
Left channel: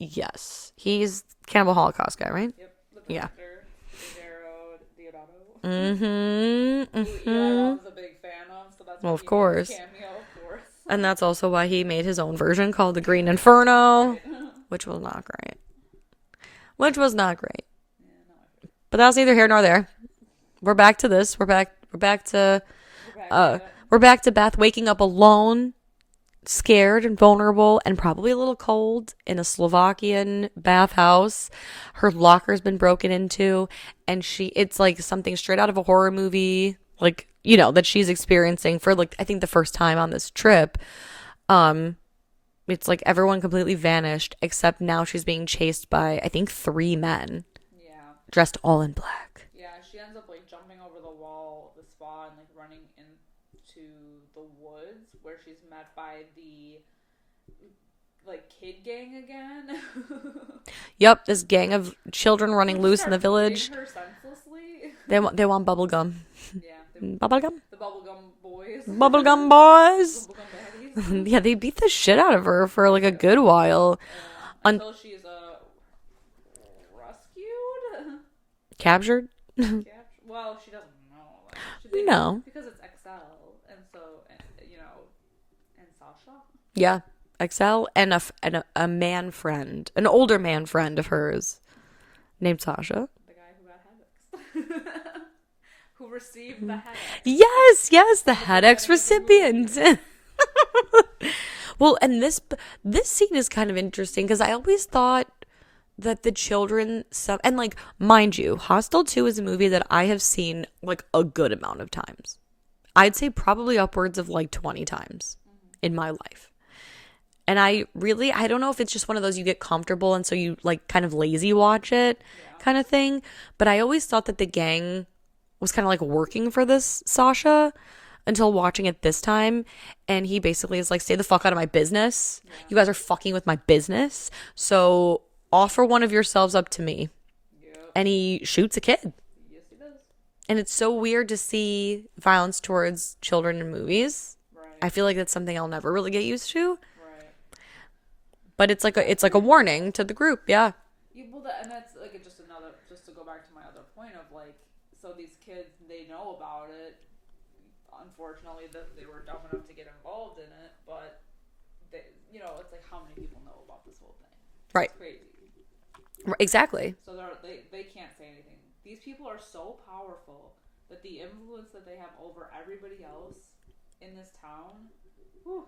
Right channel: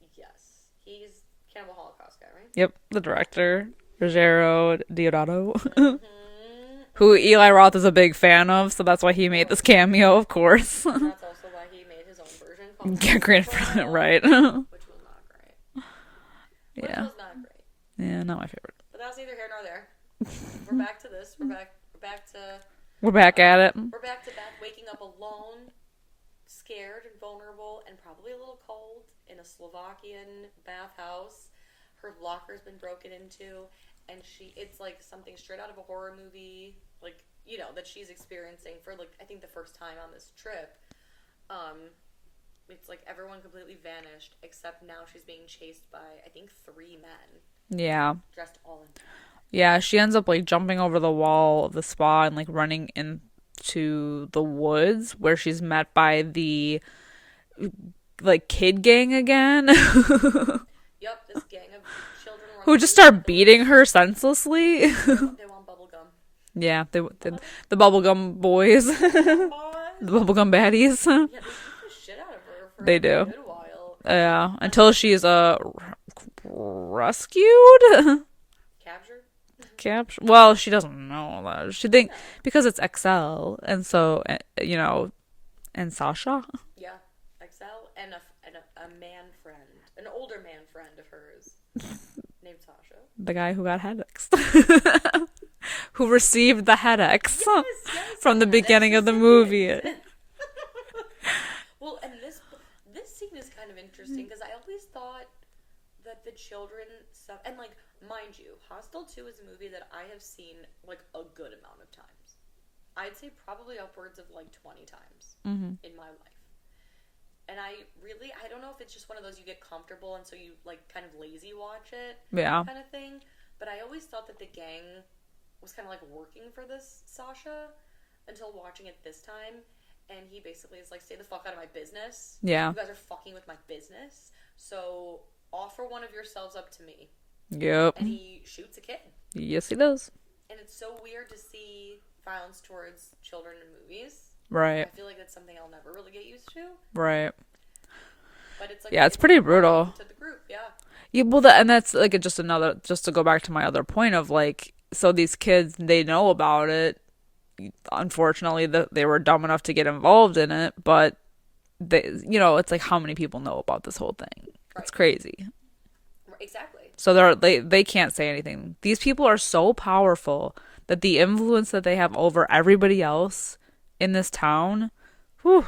Yes. He's Cannibal Holocaust guy, right? Yep. The director. Rogero Deodato. Mm-hmm. Who Eli Roth is a big fan of, so that's why he made this cameo, of course. And that's also why he made his own version called The Green Inferno. Right. Which was not great. Which was not great. Yeah, not my favorite. But that was neither here nor there. We're back to this. We're back at it. We're back to Beth waking up alone, scared and vulnerable, and probably a little cold in a Slovakian bathhouse. Her locker's been broken into, and it's like something straight out of a horror movie, like, you know, that she's experiencing for like I think the first time on this trip. It's like everyone completely vanished, except now she's being chased by, I think, 3 men. Yeah. Dressed all in black. Yeah, she ends up like jumping over the wall of the spa and like running into the woods where she's met by the like kid gang again. Yep, this gang of children running who just loose in the start village. beating her senselessly. They want bubble gum. Yeah, Bubblegum? the bubblegum boys. Bubblegum boys. The bubblegum baddies. Yeah, they beat the shit out of her for They like do. a good while. Yeah, until she's rescued. Captured? Captured. Well, she doesn't know that. She think No. because it's XL, and so and Sasha. Yeah. Excel and a man friend, an older man friend of hers named Sasha. The guy who got headaches. Who received the headaches. Yes, From the beginning of the movie. Well, and this scene is kind of interesting because I always thought that the children and like, mind you, Hostel 2 is a movie that I have seen like a good amount of times. I'd say probably upwards of like 20 times in my life. And I don't know if it's just one of those you get comfortable and so you like kind of lazy watch it kind of thing. But I always thought that the gang was kind of like working for this Sasha until watching it this time. And he basically is like, stay the fuck out of my business. Yeah. You guys are fucking with my business. So offer one of yourselves up to me. Yep. And he shoots a kid. Yes, he does. And it's so weird to see violence towards children in movies. Right. I feel like that's something I'll never really get used to. Right. But it's like it's like a brutal. warning to the group. Yeah. Yeah, well, and that's like just to go back to my other point of like, so these kids, they know about it. Unfortunately, they were dumb enough to get involved in it, but they, it's like how many people know about this whole thing? Right. It's crazy. Exactly. So they can't say anything. These people are so powerful that the influence that they have over everybody else in this town, whew.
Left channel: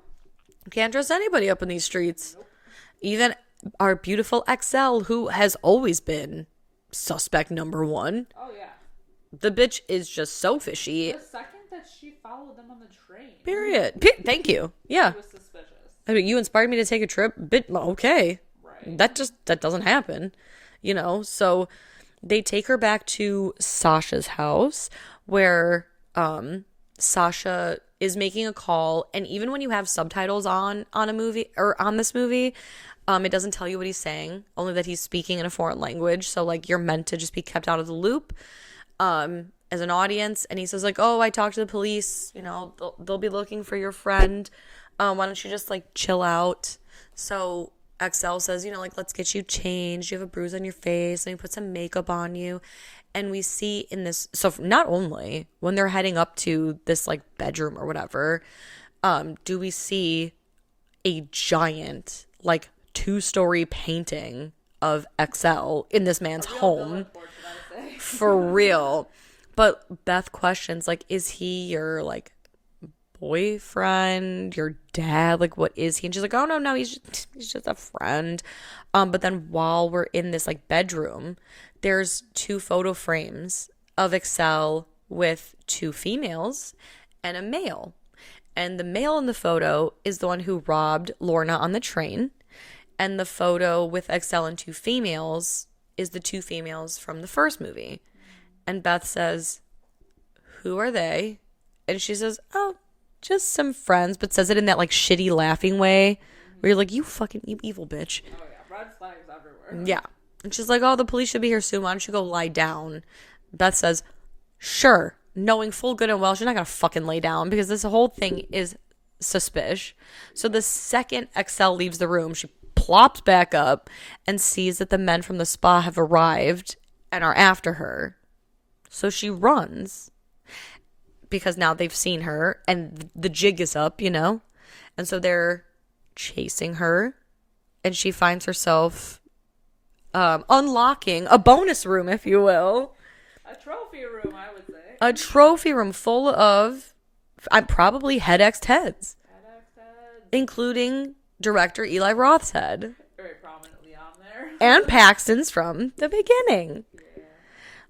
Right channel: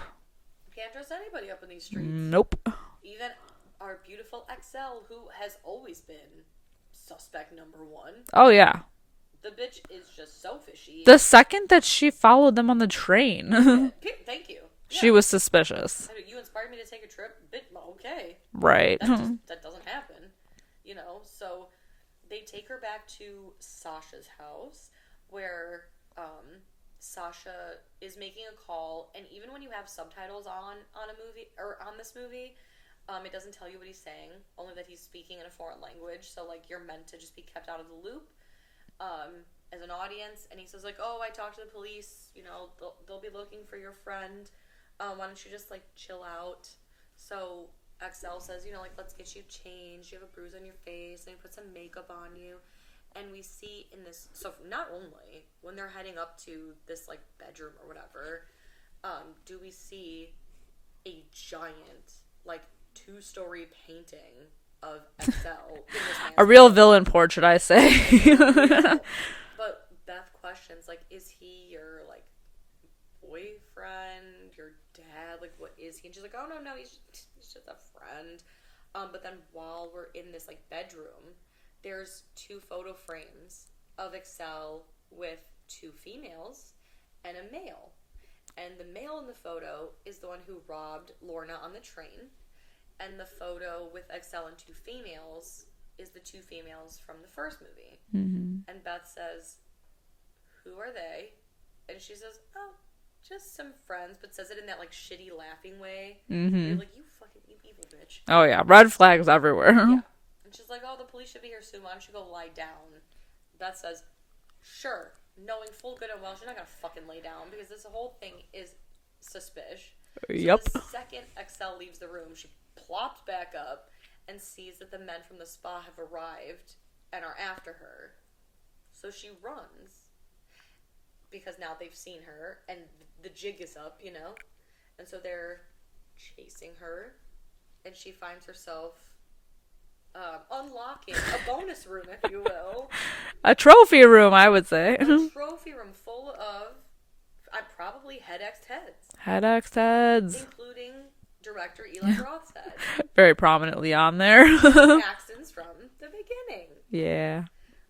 You can't trust anybody up in these streets. Nope. Even our beautiful XL, who has always been suspect number 1. Oh, yeah. The bitch is just so fishy. The second that she followed them on the train. Thank you. Yeah. She was suspicious. I mean, you inspired me to take a trip. Okay. Right. That doesn't happen. So they take her back to Sasha's house where Sasha is making a call, and even when you have subtitles on a movie or on this movie, it doesn't tell you what he's saying, only that he's speaking in a foreign language. So like you're meant to just be kept out of the loop as an audience. And he says like, oh, I talked to the police, they'll be looking for your friend. Why don't you just like chill out? So XL says, like, let's get you changed. You have a bruise on your face. Let me put some makeup on you. And we see in this, so not only when they're heading up to this like bedroom or whatever, do we see a giant like 2-story painting of XL in this man's a real home. villain portrait, I say. For real. But Beth questions like, is he your like boyfriend, your dad? Like, what is he? And she's like, oh no, he's just a friend. But then while we're in this like bedroom, there's 2 photo frames of Excel with 2 females and a male. And the male in the photo is the one who robbed Lorna on the train. And the photo with Excel and 2 females is the 2 females from the first movie. Mm-hmm. And Beth says, who are they? And she says, oh, just some friends, but says it in that like shitty laughing way. Mm-hmm. Where you're like, you fucking evil bitch. Oh yeah, red flags everywhere. Yeah. And she's like, oh, the police should be here soon. Why don't you go lie down? Beth says, sure. Knowing full good and well, she's not going to fucking lay down because this whole thing is suspicious. So the second Excel leaves the room, she plops back up and sees that the men from the spa have arrived and are after her. So she runs because now they've seen her and the jig is up, And so they're chasing her and she finds herself unlocking a bonus room, if you will. A trophy room, I would say. A trophy room full of probably head-X'd heads. Head-X'd heads. Including director Eli Roth's head. Very prominently on there. And Paxton's from the beginning. Yeah.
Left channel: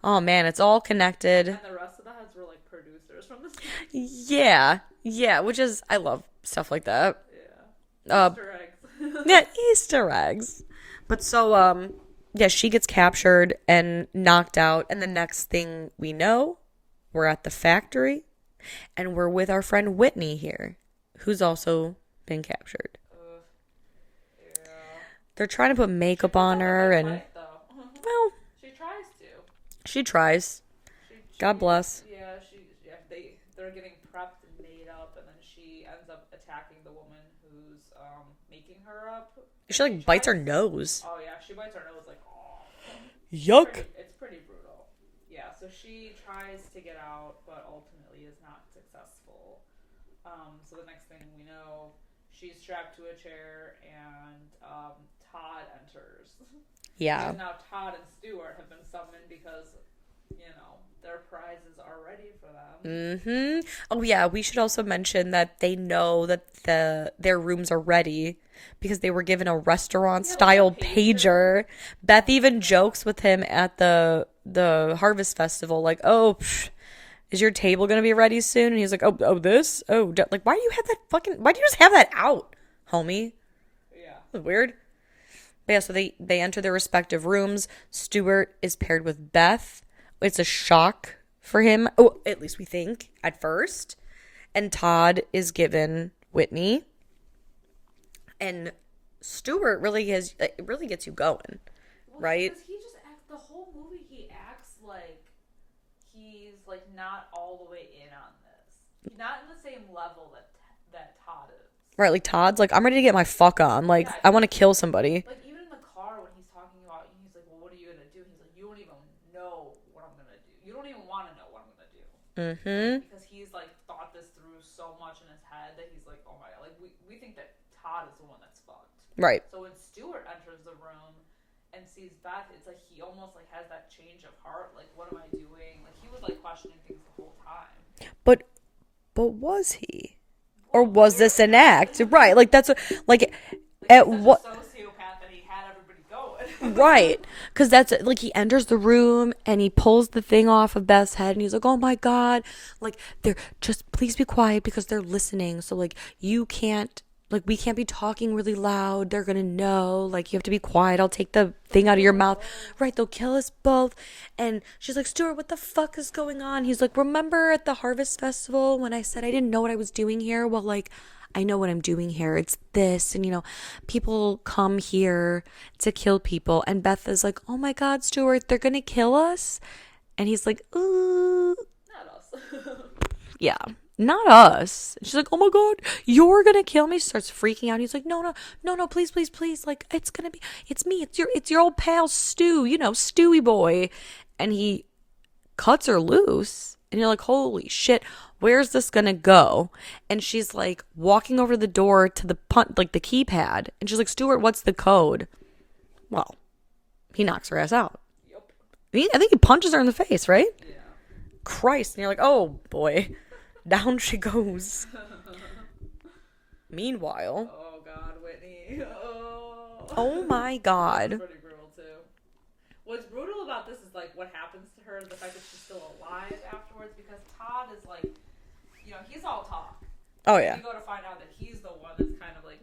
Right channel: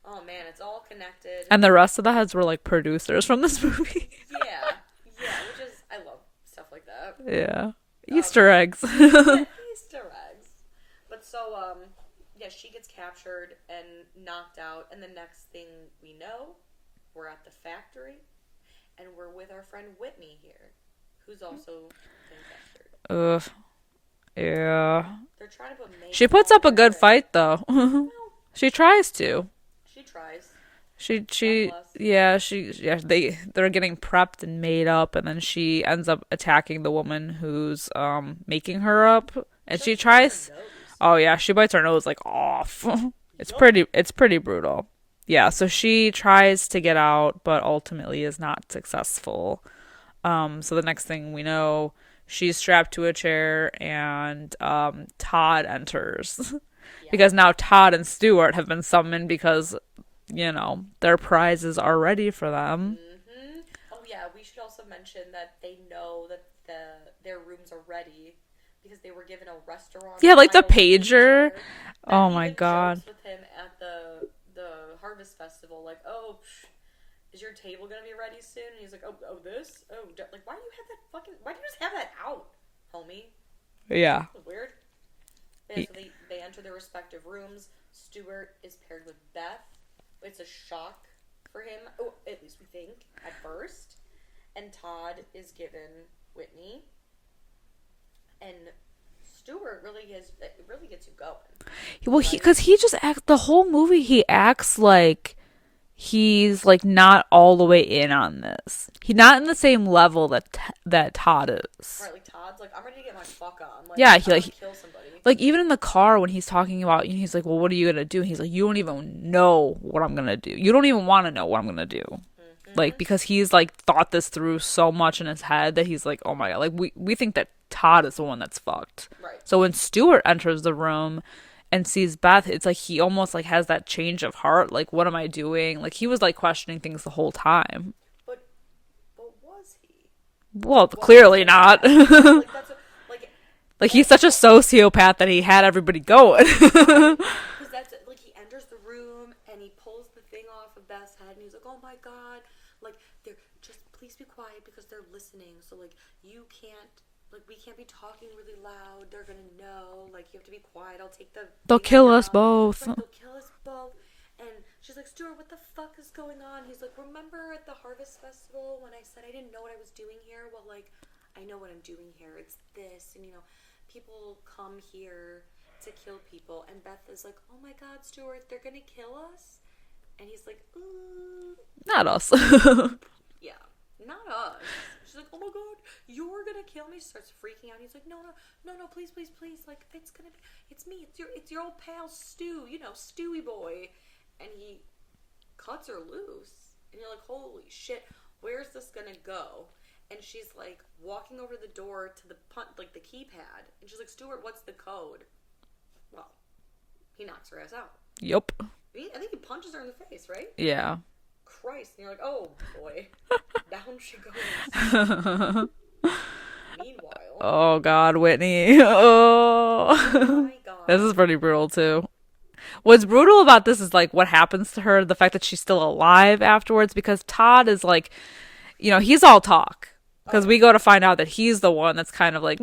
Oh, man, it's all connected. And the rest of the heads were like producers from this movie. Yeah, which is, I love stuff like that. Yeah. Easter eggs. Yeah, Easter eggs. But so, yeah, she gets captured and knocked out. And the next thing we know, we're at the factory. And we're with our friend Whitney here, who's also been captured. Ugh. Yeah. They're trying to put makeup on her. She puts up a good fight, though. Well, she tries to. She tries. She God bless. Yeah, they're getting prepped and made up, and then she ends up attacking the woman who's making her up. And she like, tries bites her nose. Oh yeah, she bites her nose like off. It's pretty brutal. Yeah, so she tries to get out, but ultimately is not successful. So the next thing we know, she's strapped to a chair, and Todd enters. Yeah. Because now Todd and Stuart have been summoned because, you know, their prizes are ready for them. Mm-hmm. Oh yeah, we should also mention that they know that their rooms are ready because they were given a restaurant style like the pager. Beth even jokes with him at the Harvest Festival, like, "Oh, is your table gonna be ready soon?" And he's like, "Oh, this? Oh, like, why do you just have that out, homie?" Yeah, weird. But yeah, so they enter their respective rooms. Stuart is paired with Beth. It's a shock for him. Oh, at least we think at first. And Todd is given Whitney. And Stuart really gets you going. Well, right? Because he just acts the whole movie. He acts like he's like not all the way in on this. He's not in the same level that Todd is. Right, like Todd's like, I'm ready to get my fuck on. Like, yeah, I want to kill somebody. Like even in the car when he's talking about, he's like, well, what are you gonna do? And he's like, you don't even know what I'm gonna do. You don't even want to know what I'm gonna do. Mm-hmm. Like because he's like thought this through so much in his head that he's like, oh my god. Like we think that Todd is the one that's fucked. Right. So when Stuart enters the room and sees Beth, it's like he almost like has that change of heart. Like, what am I doing? Like he was like questioning things the whole time. But was he? Well, clearly not. Right. Like that's like he's such a sociopath that he had everybody going. Right. Because that's like he enters the room and he pulls the thing off of Beth's head and he's like, oh my God, like they're just please be quiet because they're listening. So like you can't. Like, we can't be talking really loud. They're going to know. Like, you have to be quiet. I'll take the thing out of your mouth. Both. Right, they'll kill us both. And she's like, Stuart, what the fuck is going on? He's like, remember at the Harvest Festival when I said I didn't know what I was doing here? Well, like, I know what I'm doing here. It's this. And, you know, people come here to kill people. And Beth is like, oh, my God, Stuart, they're going to kill us? And he's like, ooh. Not us. Yeah. Not us. She's like, oh my God, you're gonna kill me. She starts freaking out. He's like, no, please. Like, it's me. It's your old pal Stu, you know, Stewie boy. And he cuts her loose. And you're like, holy shit, where's this gonna go? And she's like walking over the door to the the keypad. And she's like, Stuart, what's the code? Well, he knocks her ass out. Yup. I think he punches her in the face, right? Yeah. Christ. And you're like, oh boy, down she goes. Meanwhile, oh God, Whitney. Oh my God, this is pretty brutal too. What's brutal about this is like what happens to her, the fact that she's still alive afterwards, because Todd is like, you know, he's all talk because we go to find out that he's the one that's kind of like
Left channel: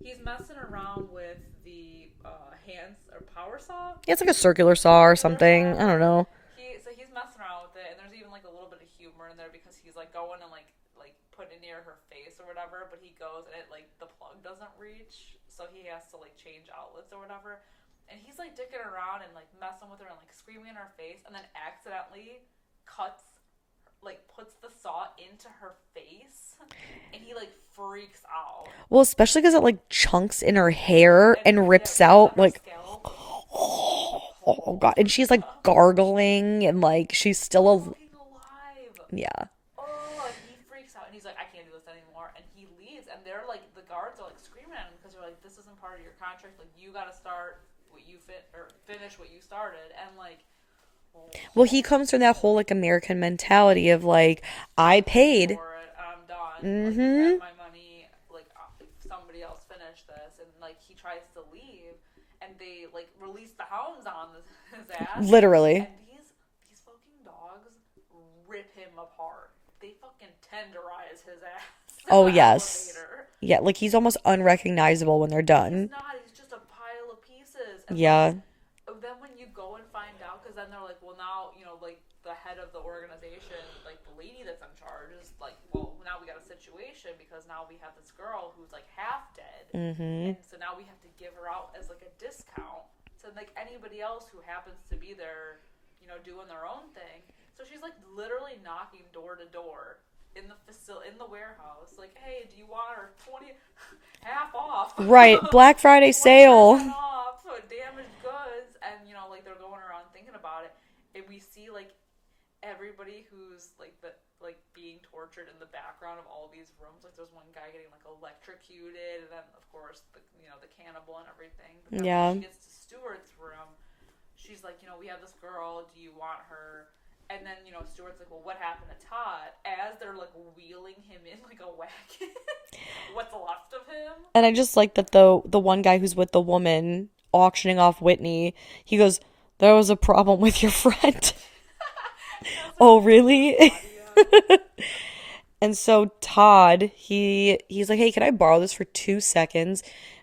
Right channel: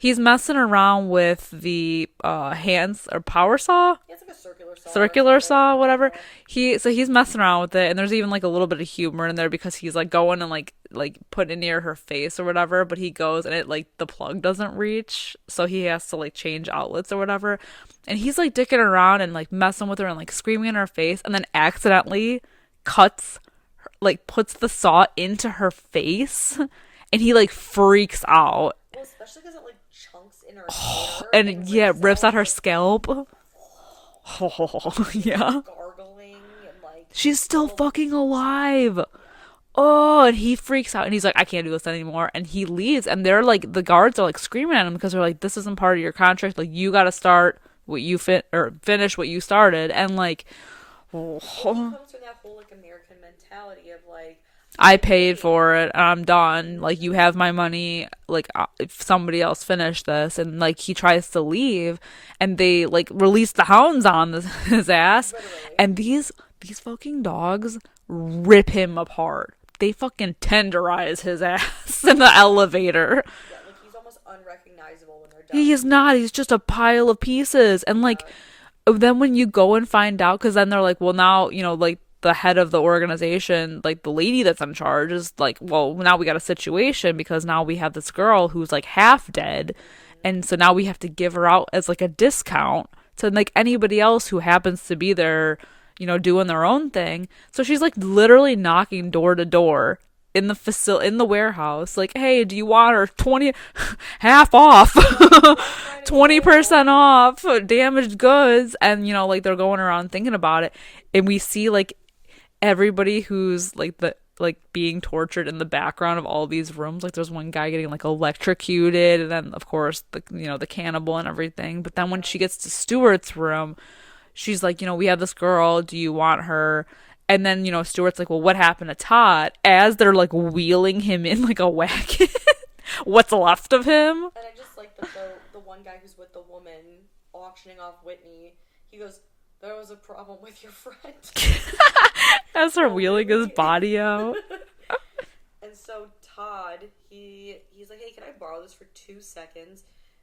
he's messing around with the hands or power saw. Yeah, it's like a circular saw or something. Whatever. He's messing around with it, and there's even like a little bit of humor in there because he's like going and like putting it near her face or whatever, but he goes and it like the plug doesn't reach, so he has to like change outlets or whatever, and he's like dicking around and like messing with her and like screaming in her face, and then accidentally puts the saw into her face. And he like freaks out. Well, especially because it like chunks in her hair and rips out her like, scalp. Oh God. And she's like gargling and like she's still fucking alive. Yeah. Oh, and he freaks out and he's like, I can't do this anymore. And he leaves, and they're like, the guards are like screaming at him because they're like, this isn't part of your contract. Like, you got to start what you finish what you started. And like, well, he comes from that whole like American mentality of like, I paid for it, I'm done. Mm-hmm. Like, you have my money. Like, if somebody else finished this, and like he tries to leave, and they like release the hounds on his ass, literally. And these fucking dogs rip him apart, they fucking tenderize his ass in the elevator. Yeah, like he's almost unrecognizable when they're done. He's not. He's just a pile of pieces. And like, then when you go and find out, because then they're like, well, now, you know, like the head of the organization, like the lady that's in charge is like, well, now we got a situation because now we have this girl who's like half dead. And so now we have to give her out as like a discount to like anybody else who happens to be there, you know, doing their own thing. So she's like literally knocking door to door in the warehouse, like, hey, do you want her 20 half off? Right, Black Friday 20% sale. off, damaged goods. And you know, like they're going around thinking about it, and we see like everybody who's like being tortured in the background of all these rooms. Like there's one guy getting like electrocuted, and then of course the cannibal and everything. But then when she gets to Stuart's room, she's like, you know, we have this girl, do you want her? And then, you know, Stuart's like, well, what happened to Todd? As they're like wheeling him in like a wagon. What's left of him? And I just like that the one guy who's with the woman auctioning off Whitney, he goes, there was a problem with your friend. As her wheeling his body out. And so Todd, he's like, hey, can I borrow this for 2 seconds?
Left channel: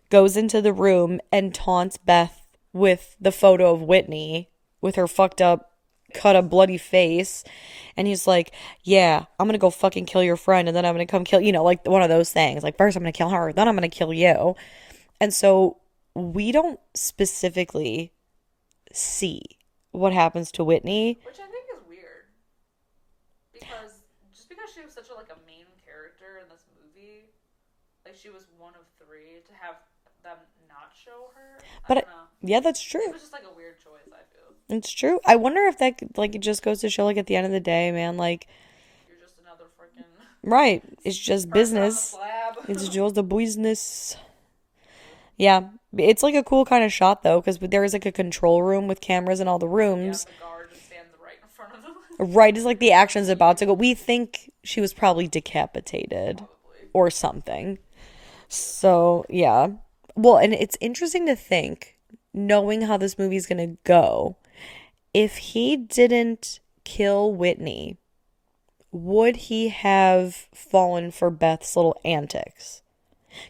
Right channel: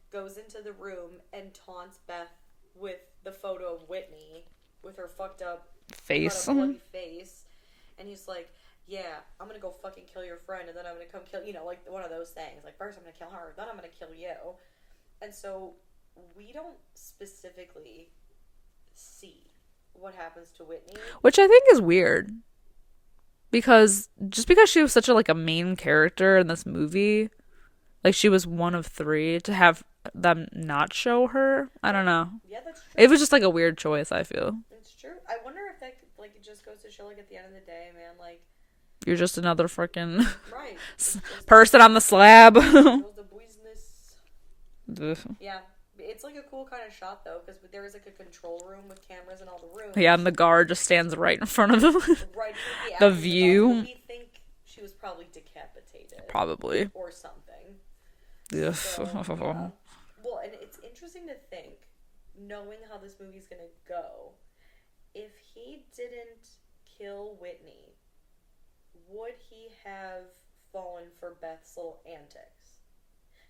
Goes into the room and taunts Beth with the photo of Whitney with her fucked up, cut a bloody face. And he's like, yeah, I'm gonna go fucking kill your friend, and then I'm gonna come kill, you know, like one of those things. Like, first I'm gonna kill her, then I'm gonna kill you. And so we don't specifically see what happens to Whitney, which I think is weird, because she was such a main character in this movie, like she was one of 3, to have them not show her, I don't know. Yeah, that's true. It was just like a weird choice, I feel. It's true. I wonder if that like it just goes to show, like, at the end of the day, man, like, you're just another freaking right. It's just person on the slab. It's just a business. Yeah, it's like a cool kind of shot though, because there is like a control room with cameras in all the rooms. Yeah, and the guard just stands right in front of him. Right, it's like the action's about to go. We think she was probably decapitated, probably, or something. Yeah. So yeah, well, and it's interesting to think, knowing how this movie's gonna go, if he didn't kill Whitney, would he have fallen for Beth's little antics?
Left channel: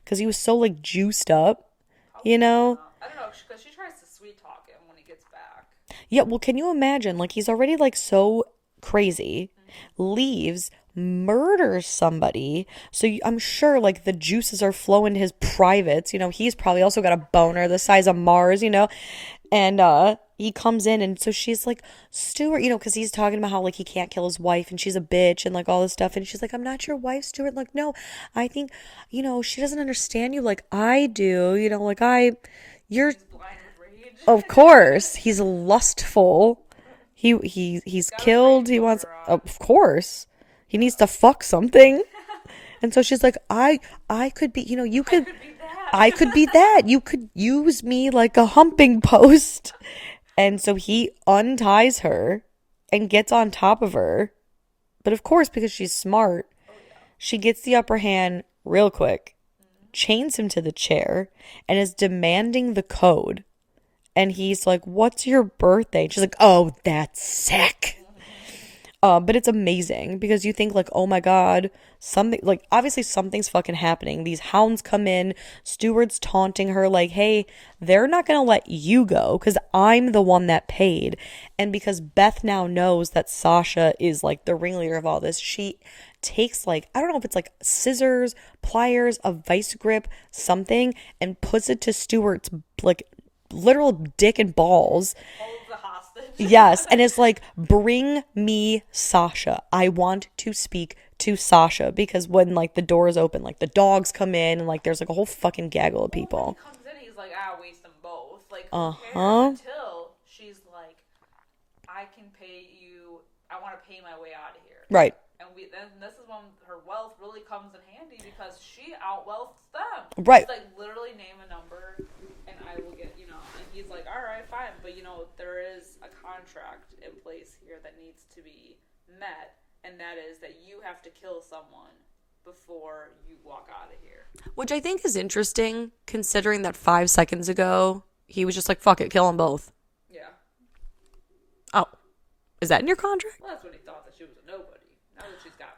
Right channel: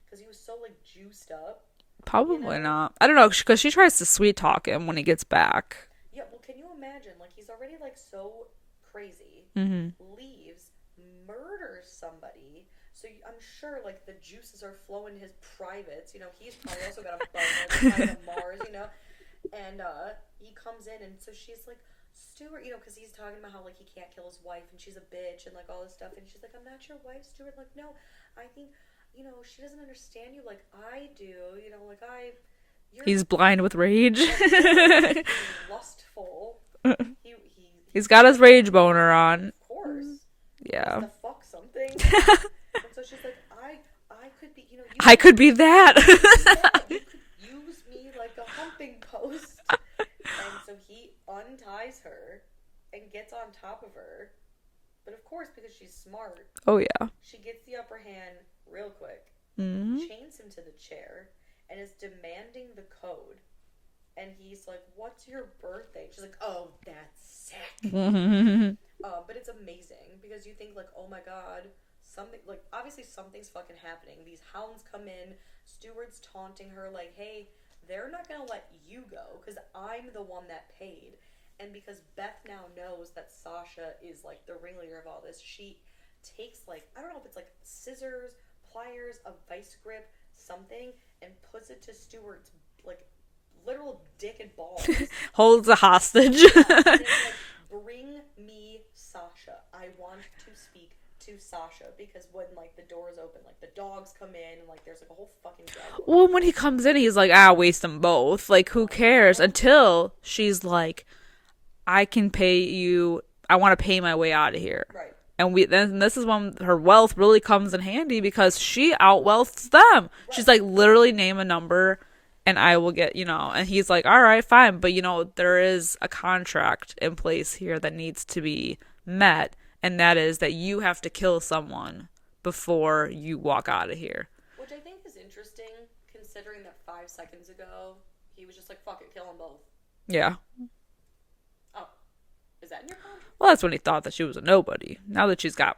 Because he was so like juiced up. Probably, you know? Not. I don't know, because she tries to sweet talk him when he gets back. Yeah, well, can you imagine? Like, he's already like so crazy, leaves, murders somebody. So I'm sure like the juices are flowing to his privates. You know, he's probably also got a boner the size of Mars, you know? And he comes in, and so she's like, Stuart, you know, because he's talking about how like he can't kill his wife and she's a bitch and like all this stuff. And she's like, I'm not your wife, Stuart. Like, no, I think, you know, she doesn't understand you like I do. You know, like he's blind with rage. Of course. He's lustful. He's got his rage boner on. Of course. Yeah. He needs to fuck something. And so she's like, I could be, you know, I could be that. I could be that. You could use me like a humping post. And so he unties her and gets on top of her. But of course, because she's smart. Oh, yeah. She gets the upper hand real quick, chains him to the chair, and is demanding the code. And he's like, what's your birthday? And she's like, oh, that's sick. But it's amazing because you think like, oh my God, something like obviously something's fucking happening. These hounds come in, Stuart's taunting her like, hey, they're not going to let you go because I'm the one that paid. And because Beth now knows that Sasha is like the ringleader of all this, she takes like, I don't know if it's like scissors, pliers, a vice grip, something, and puts it to Stuart's like literal dick and balls. Holds a hostage. Yes. And it's like, bring me Sasha. I want to speak to Sasha. Because when like the doors open, like the dogs come in and like there's like a whole fucking gaggle of people. Well, when he comes in, he's like, waste them both. Like, who cares? Until she's like, I can pay you. I want to pay my way out of here. Right. And then this is when her wealth really comes in handy because she outwealths them. Right. She's like, literally name a number and I will get, you know, and he's like, all right, fine. But, you know, there is a contract in place here that needs to be met. And that is that you have to kill someone before you walk out of here. Which I think is interesting, considering that 5 seconds ago, he was just like, fuck it, kill them both. Yeah. Oh. Is that in your contract? Well, that's when he thought that she was a nobody. Now that she's got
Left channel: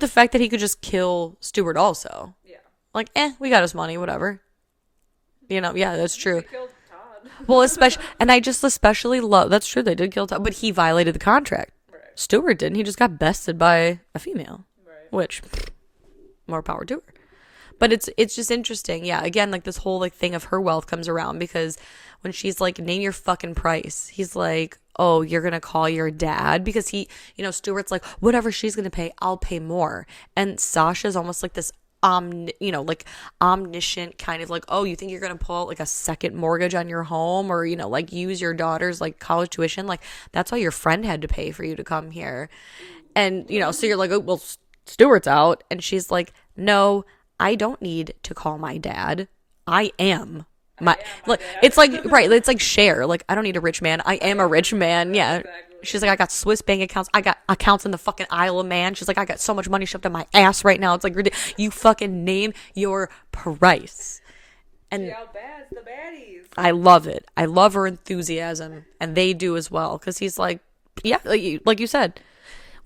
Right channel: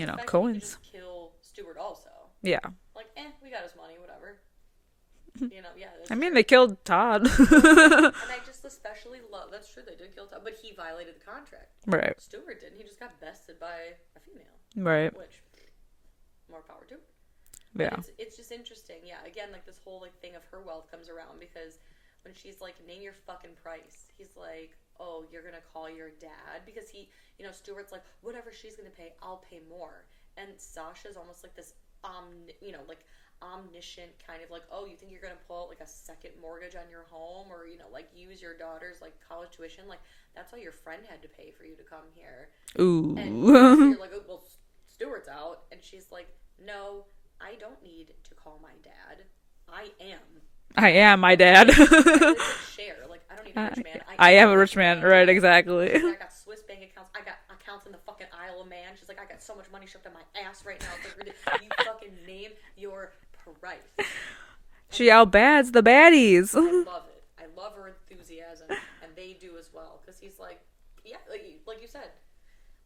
But the fact that he could just kill Stewart also. Yeah. Like, we got his money, whatever. Yeah, that's true. They killed Todd. Well, and I just especially love, that's true, they did kill Todd, but he violated the contract. Right. Stewart didn't. He just got bested by a female. Right. Which, more power to her. But it's just interesting. Yeah, again, like this whole like thing of her wealth comes around because when she's like, name your fucking price, he's like, oh, you're going to call your dad? Because he, Stewart's like, whatever she's going to pay, I'll pay more. And Sasha's almost like this, like omniscient kind of like, oh, you think you're going to pull out like a second mortgage on your home or, like use your daughter's like college tuition? Like that's why your friend had to pay for you to come here. Ooh. And, so you're like, oh, well, Stewart's out. And she's like, no, I don't need to call my dad. I am my dad. It's like, right. It's like Cher. Like, I don't need a rich man. I am a rich man. Right, yeah. exactly. She's like, I got Swiss bank accounts. I got accounts in the fucking Isle of Man. She's like, I got so much money shoved in my ass right now. It's like, you fucking name your price. And she outbads the baddies. I love it. I love her enthusiasm. And they do as well. Because he's like, yeah, like you said,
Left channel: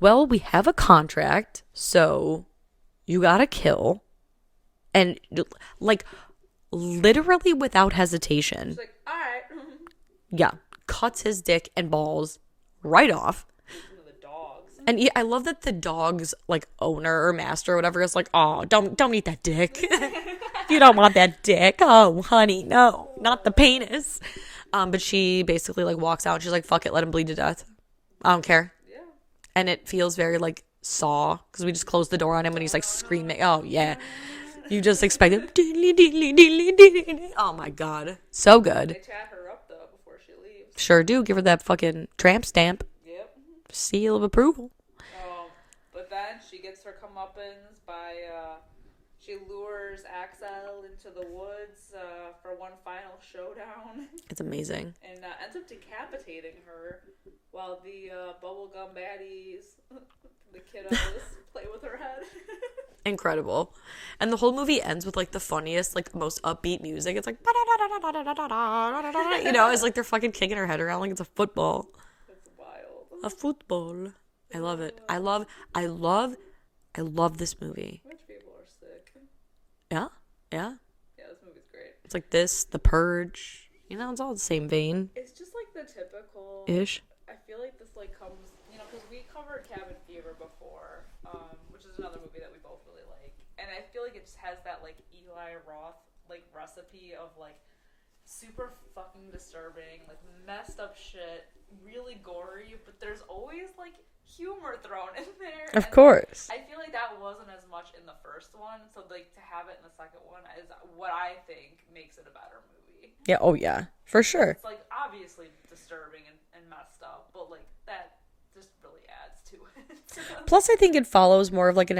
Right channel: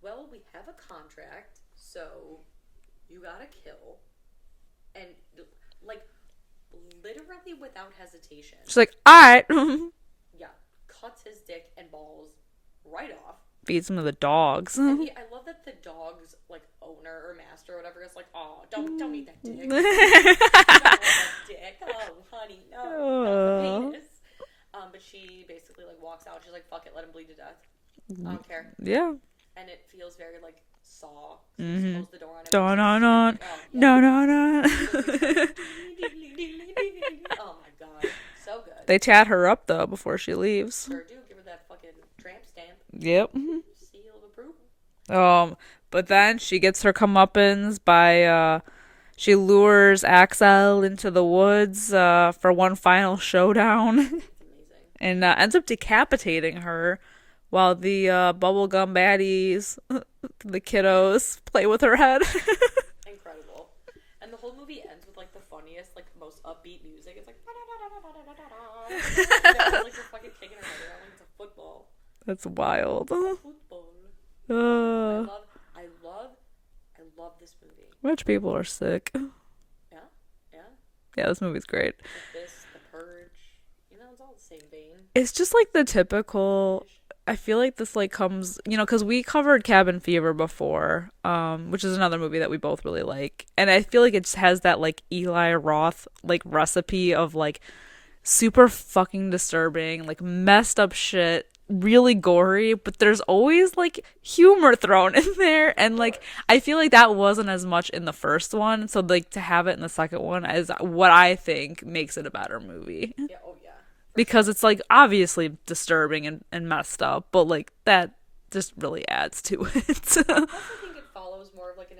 well, we have a contract. So you got to kill. And like literally without hesitation. She's like, all right. Yeah. Cuts his dick and balls right off. Feeds him to the dogs. And I love that the dog's like owner or master or whatever is like, oh, don't eat that dick. You don't want that dick. Oh, honey, no, not the penis. But she basically like walks out and she's like, fuck it, let him bleed to death. I don't care. Yeah. And it feels very like Saw because we just closed the door on him when he's like screaming. Oh yeah, no. You just expected. Oh my god, so good. They chat her up though before she leaves. Sure do. Give her that fucking tramp stamp. Yep. Seal of approval. But then she gets her comeuppance by she lures Axel into the woods for one final showdown. It's amazing. And ends up decapitating her. While the bubblegum baddies, the kiddos, play with her head. Incredible. And the whole movie ends with like the funniest, like most upbeat music. It's like, it's like they're fucking kicking her head around like it's a football. That's wild. A football. I love it. I love this movie. Rich people are sick. Yeah. Yeah, this movie's great. It's like this, The Purge. It's all the same vein. It's just like the typical ish. I feel like this like comes, because we covered Cabin Fever before, which is another movie that we both really like. And I feel like it just has that like Eli Roth like recipe of like super fucking disturbing, like messed up shit, really gory, but there's always like humor thrown in there. Of course. Like I feel like that wasn't as much in the first one. So like to have it in the second one is what I think makes it a better movie. Yeah. Oh yeah. Because it's like obviously disturbing and messed up, but like that just really adds to it. Plus, I think it follows more of like in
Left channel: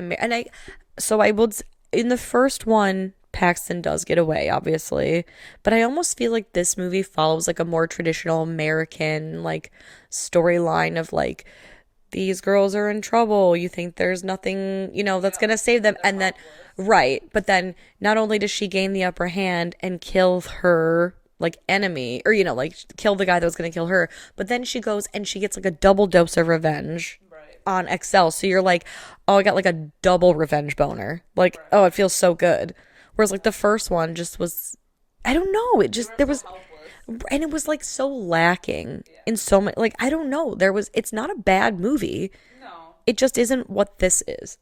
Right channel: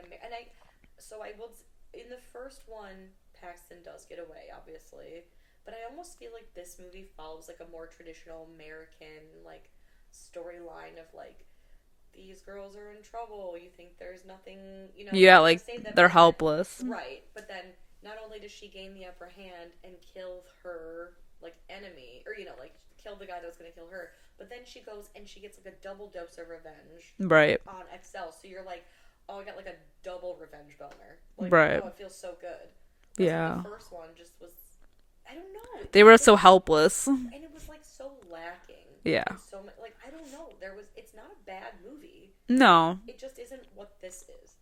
the first one, Paxton does get away, obviously, but I almost feel like this movie follows like a more traditional American like storyline of like these girls are in trouble. You think there's nothing, that's gonna save them. They're helpless, right? But then not only does she gain the upper hand and kill her like enemy or like kill the guy that was going to kill her, but then she goes and she gets like a double dose of revenge right on Excel. So you're like, oh, I got like a double revenge boner, like right. Oh, it feels so good. Whereas like the first one just was, I don't know, they were so helpless and it was like so lacking in so many, like I don't know, it's not a bad movie, no, it just isn't what this is.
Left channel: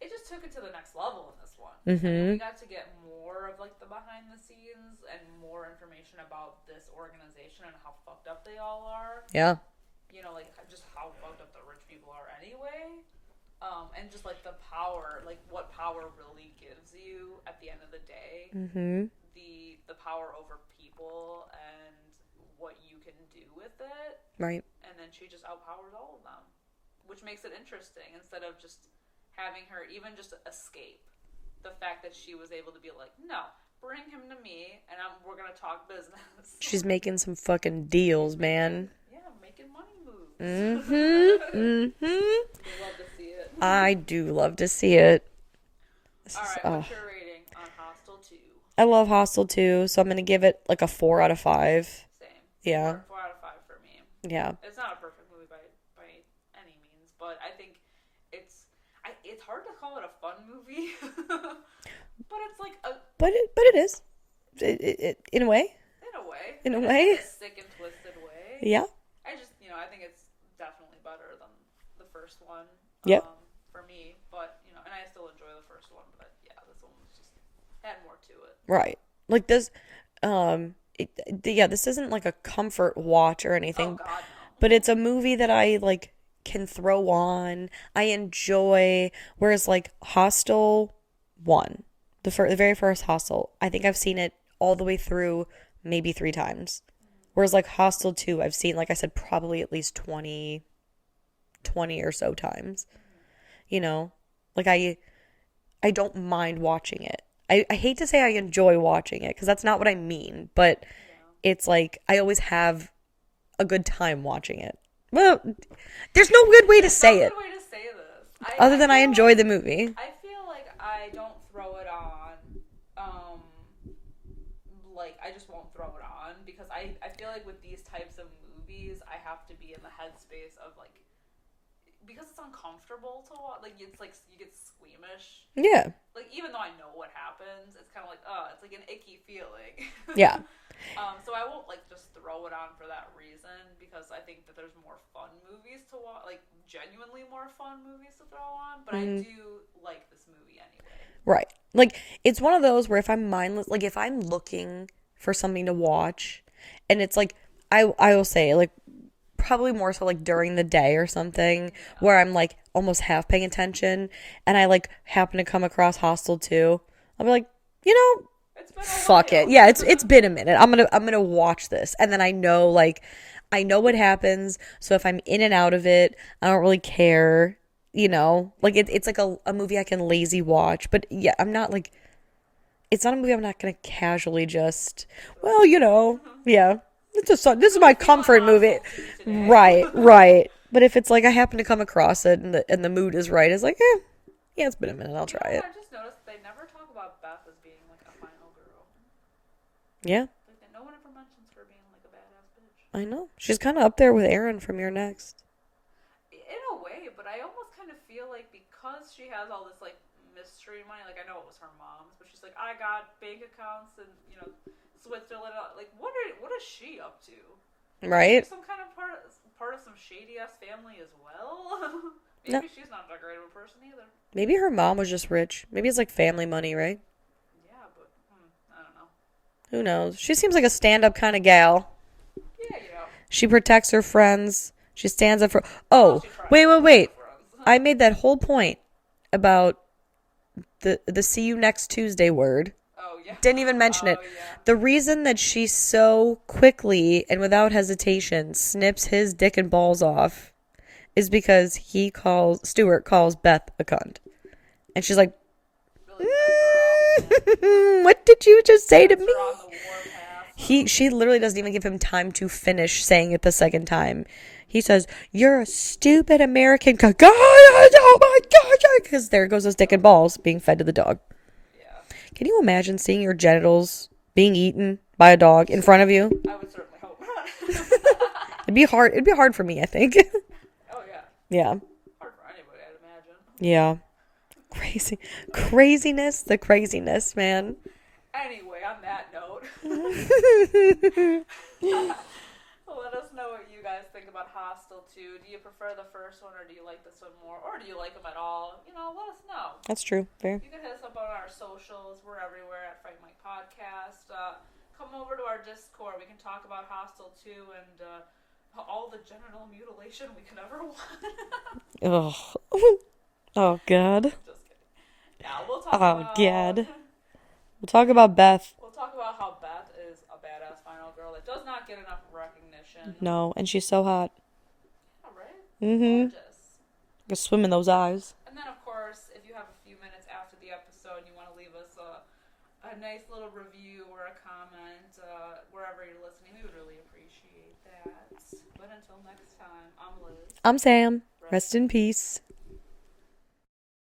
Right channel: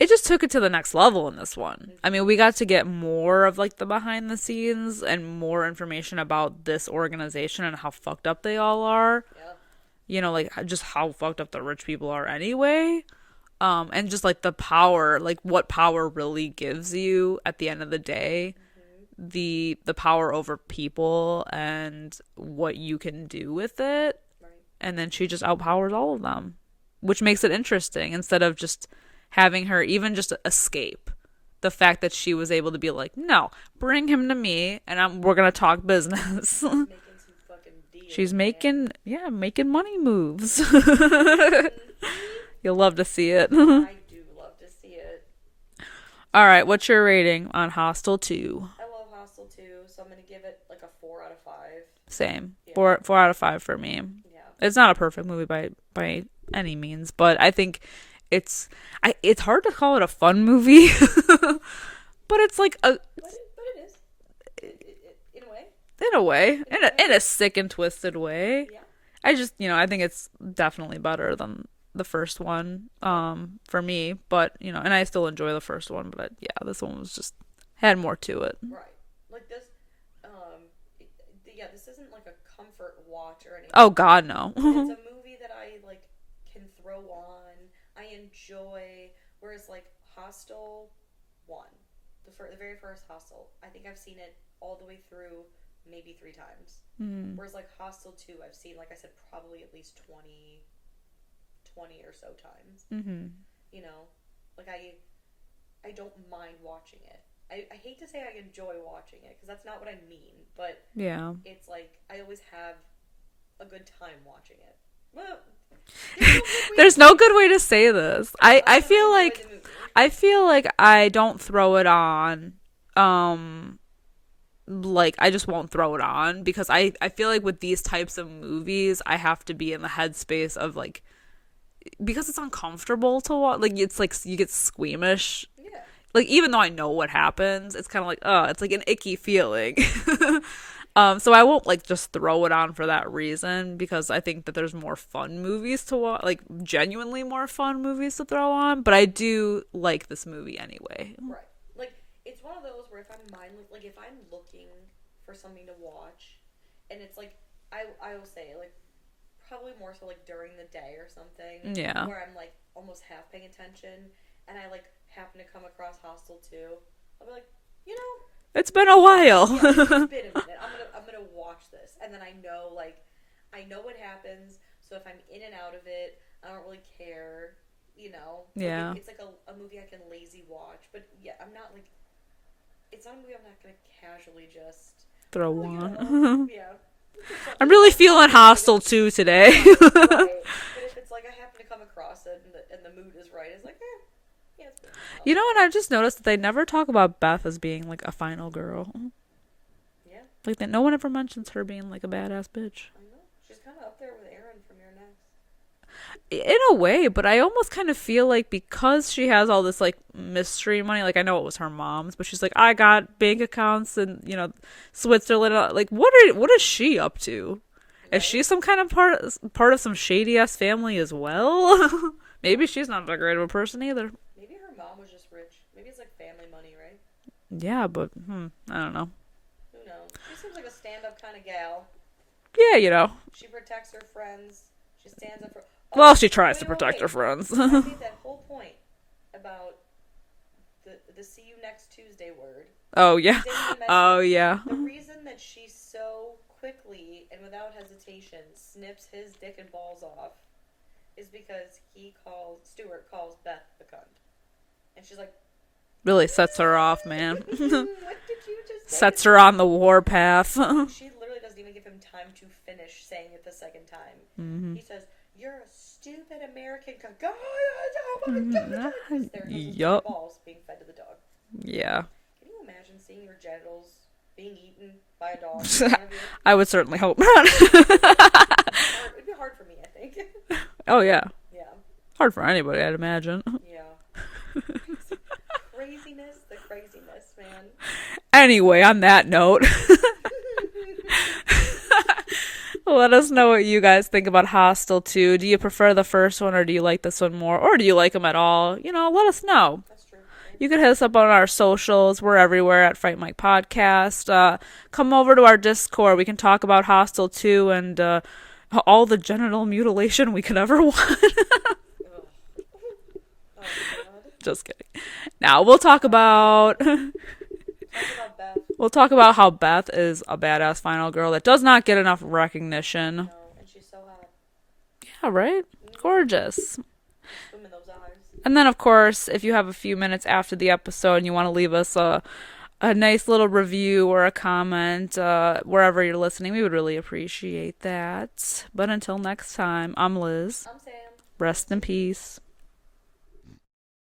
It just took it to the next level in this one. Mm-hmm. I mean, we got to get more of like the behind the scenes and more information about this organization and how fucked up they all are. Yeah. Like just how fucked up the rich people are anyway. And just like the power, like what power really gives you at the end of the day. Mm-hmm. The power over people and what you can do with it. Right. And then she just outpowers all of them, which makes it interesting instead of just having her even just escape. The fact that she was able to be like, no, bring him to me and we're going to talk business. She's making some fucking deals, She's making money moves. Mm-hmm. You'll love to see it. I do love to see it. All right, what's your rating on Hostel 2? I love Hostel 2, so I'm going to give it like a 4 out of 5. Same. Yeah. 4 out of 5 for me. Yeah. It's not a perfect movie by any means, but I think it's hard to call it a fun movie, but it's like a but it is in a way. In a sick and twisted way. Yeah. I just, I think it's definitely better than the first one for me, but and I still enjoy the first one, but this one was just had more to it. Right. Like this this isn't like a comfort watch or anything. Oh god, no. But it's a movie that I like can throw on. I enjoy, whereas like Hostel 1, the very first Hostel, I think I've seen it all the way through maybe 3 times. Whereas like Hostel 2, I've seen, like I said, probably at least 20 or so times. Like I don't mind watching it. I hate to say I enjoy watching it because that's not what I mean, but it's like I always have a good time watching it. Well, there's no good way there's no good way to say this. Other than I enjoy the movie. I feel like I don't throw it on like I just won't throw it on because I feel like with these types of movies I have to be in the headspace of like, because it's uncomfortable to watch, like it's like you get squeamish. Yeah. Like even though I know what happens, it's kind of like it's like an icky feeling. Yeah. So I won't like just throw it on for that reason because I think that there's more fun movies to watch, like genuinely more fun movies to throw on, but I do like this movie anyway. Right. Like it's one of those where if I'm mindless, like if I'm looking for something to watch and it's like I will say like probably more so like during the day or something where I'm like almost half paying attention and I like happen to come across Hostel 2, I'll be like, it's been a while. Yeah, it's been a minute. I'm gonna watch this, and then I know what happens. So if I'm in and out of it, I don't really care. Like it's like a movie I can lazy watch. But yeah, I'm not like, it's not a movie I'm not gonna casually just yeah. I'm really feeling Hostel 2 today. Right. But if it's like I happen to come across it and the mood is right, it's like yeah, it's been a minute. And I've just noticed that they never talk about Beth as being like a final girl. Yeah. Like that no one ever mentions her being like a badass bitch. I know. She's kind of up there with Erin from Your Next. In a way, but I almost kind of feel like because she has all this like mystery money, like I know it was her mom's, but she's like, I got bank accounts in, Switzerland. Like what is she up to? Right? Is she some kind of part of some shady ass family as well? Maybe she's not that great of a person either. Maybe her mom was just rich. Maybe it's like family money, right? Yeah, but I don't know. Who knows? She seems like a stand-up kind of gal. Yeah, She protects her friends. She stands up for... Oh, well, she tries to protect her friends. I made that whole point about the see you next Tuesday word. Oh, yeah. Didn't even mention it. Oh, yeah. The reason that she so quickly and without hesitation snips his dick and balls off is because Stuart calls Beth a cunt. And she's like... Really sets her off, man. What did you just say to me? Sets her on the warpath. She literally doesn't even give him time to finish saying it the second time. He says, "You're a stupid American cunt." Oh my God. Because there goes his dick and balls being fed to the dog. Yeah. Can you imagine seeing your genitals being eaten by a dog in front of you? I would certainly hope not. It'd be hard for me, I think. Oh, yeah. Yeah. Hard for anybody, I'd imagine. Yeah. The craziness, man. Anyway, on that note, let us know what you guys think about Hostel 2. Do you prefer the first one or do you like this one more? Or do you like them at all? Let us know. That's true. Fair. You can hit us up on our socials. We're everywhere at Fright Mic Podcast. Come over to our Discord. We can talk about Hostel 2 and all the genital mutilation we could ever want. Oh, God. Just kidding. Now, we'll talk about... We'll talk about Beth. We'll talk about how Beth is a badass final girl that does not get enough recognition. No, and she's so hot. Yeah, right? Mm-hmm. Gorgeous. Just swim in those eyes. And then, of course, if you have a few minutes after the episode and you want to leave us a nice little review or a comment wherever you're listening, we would really appreciate that. But until next time, I'm Liz. I'm Sam. Rest in peace.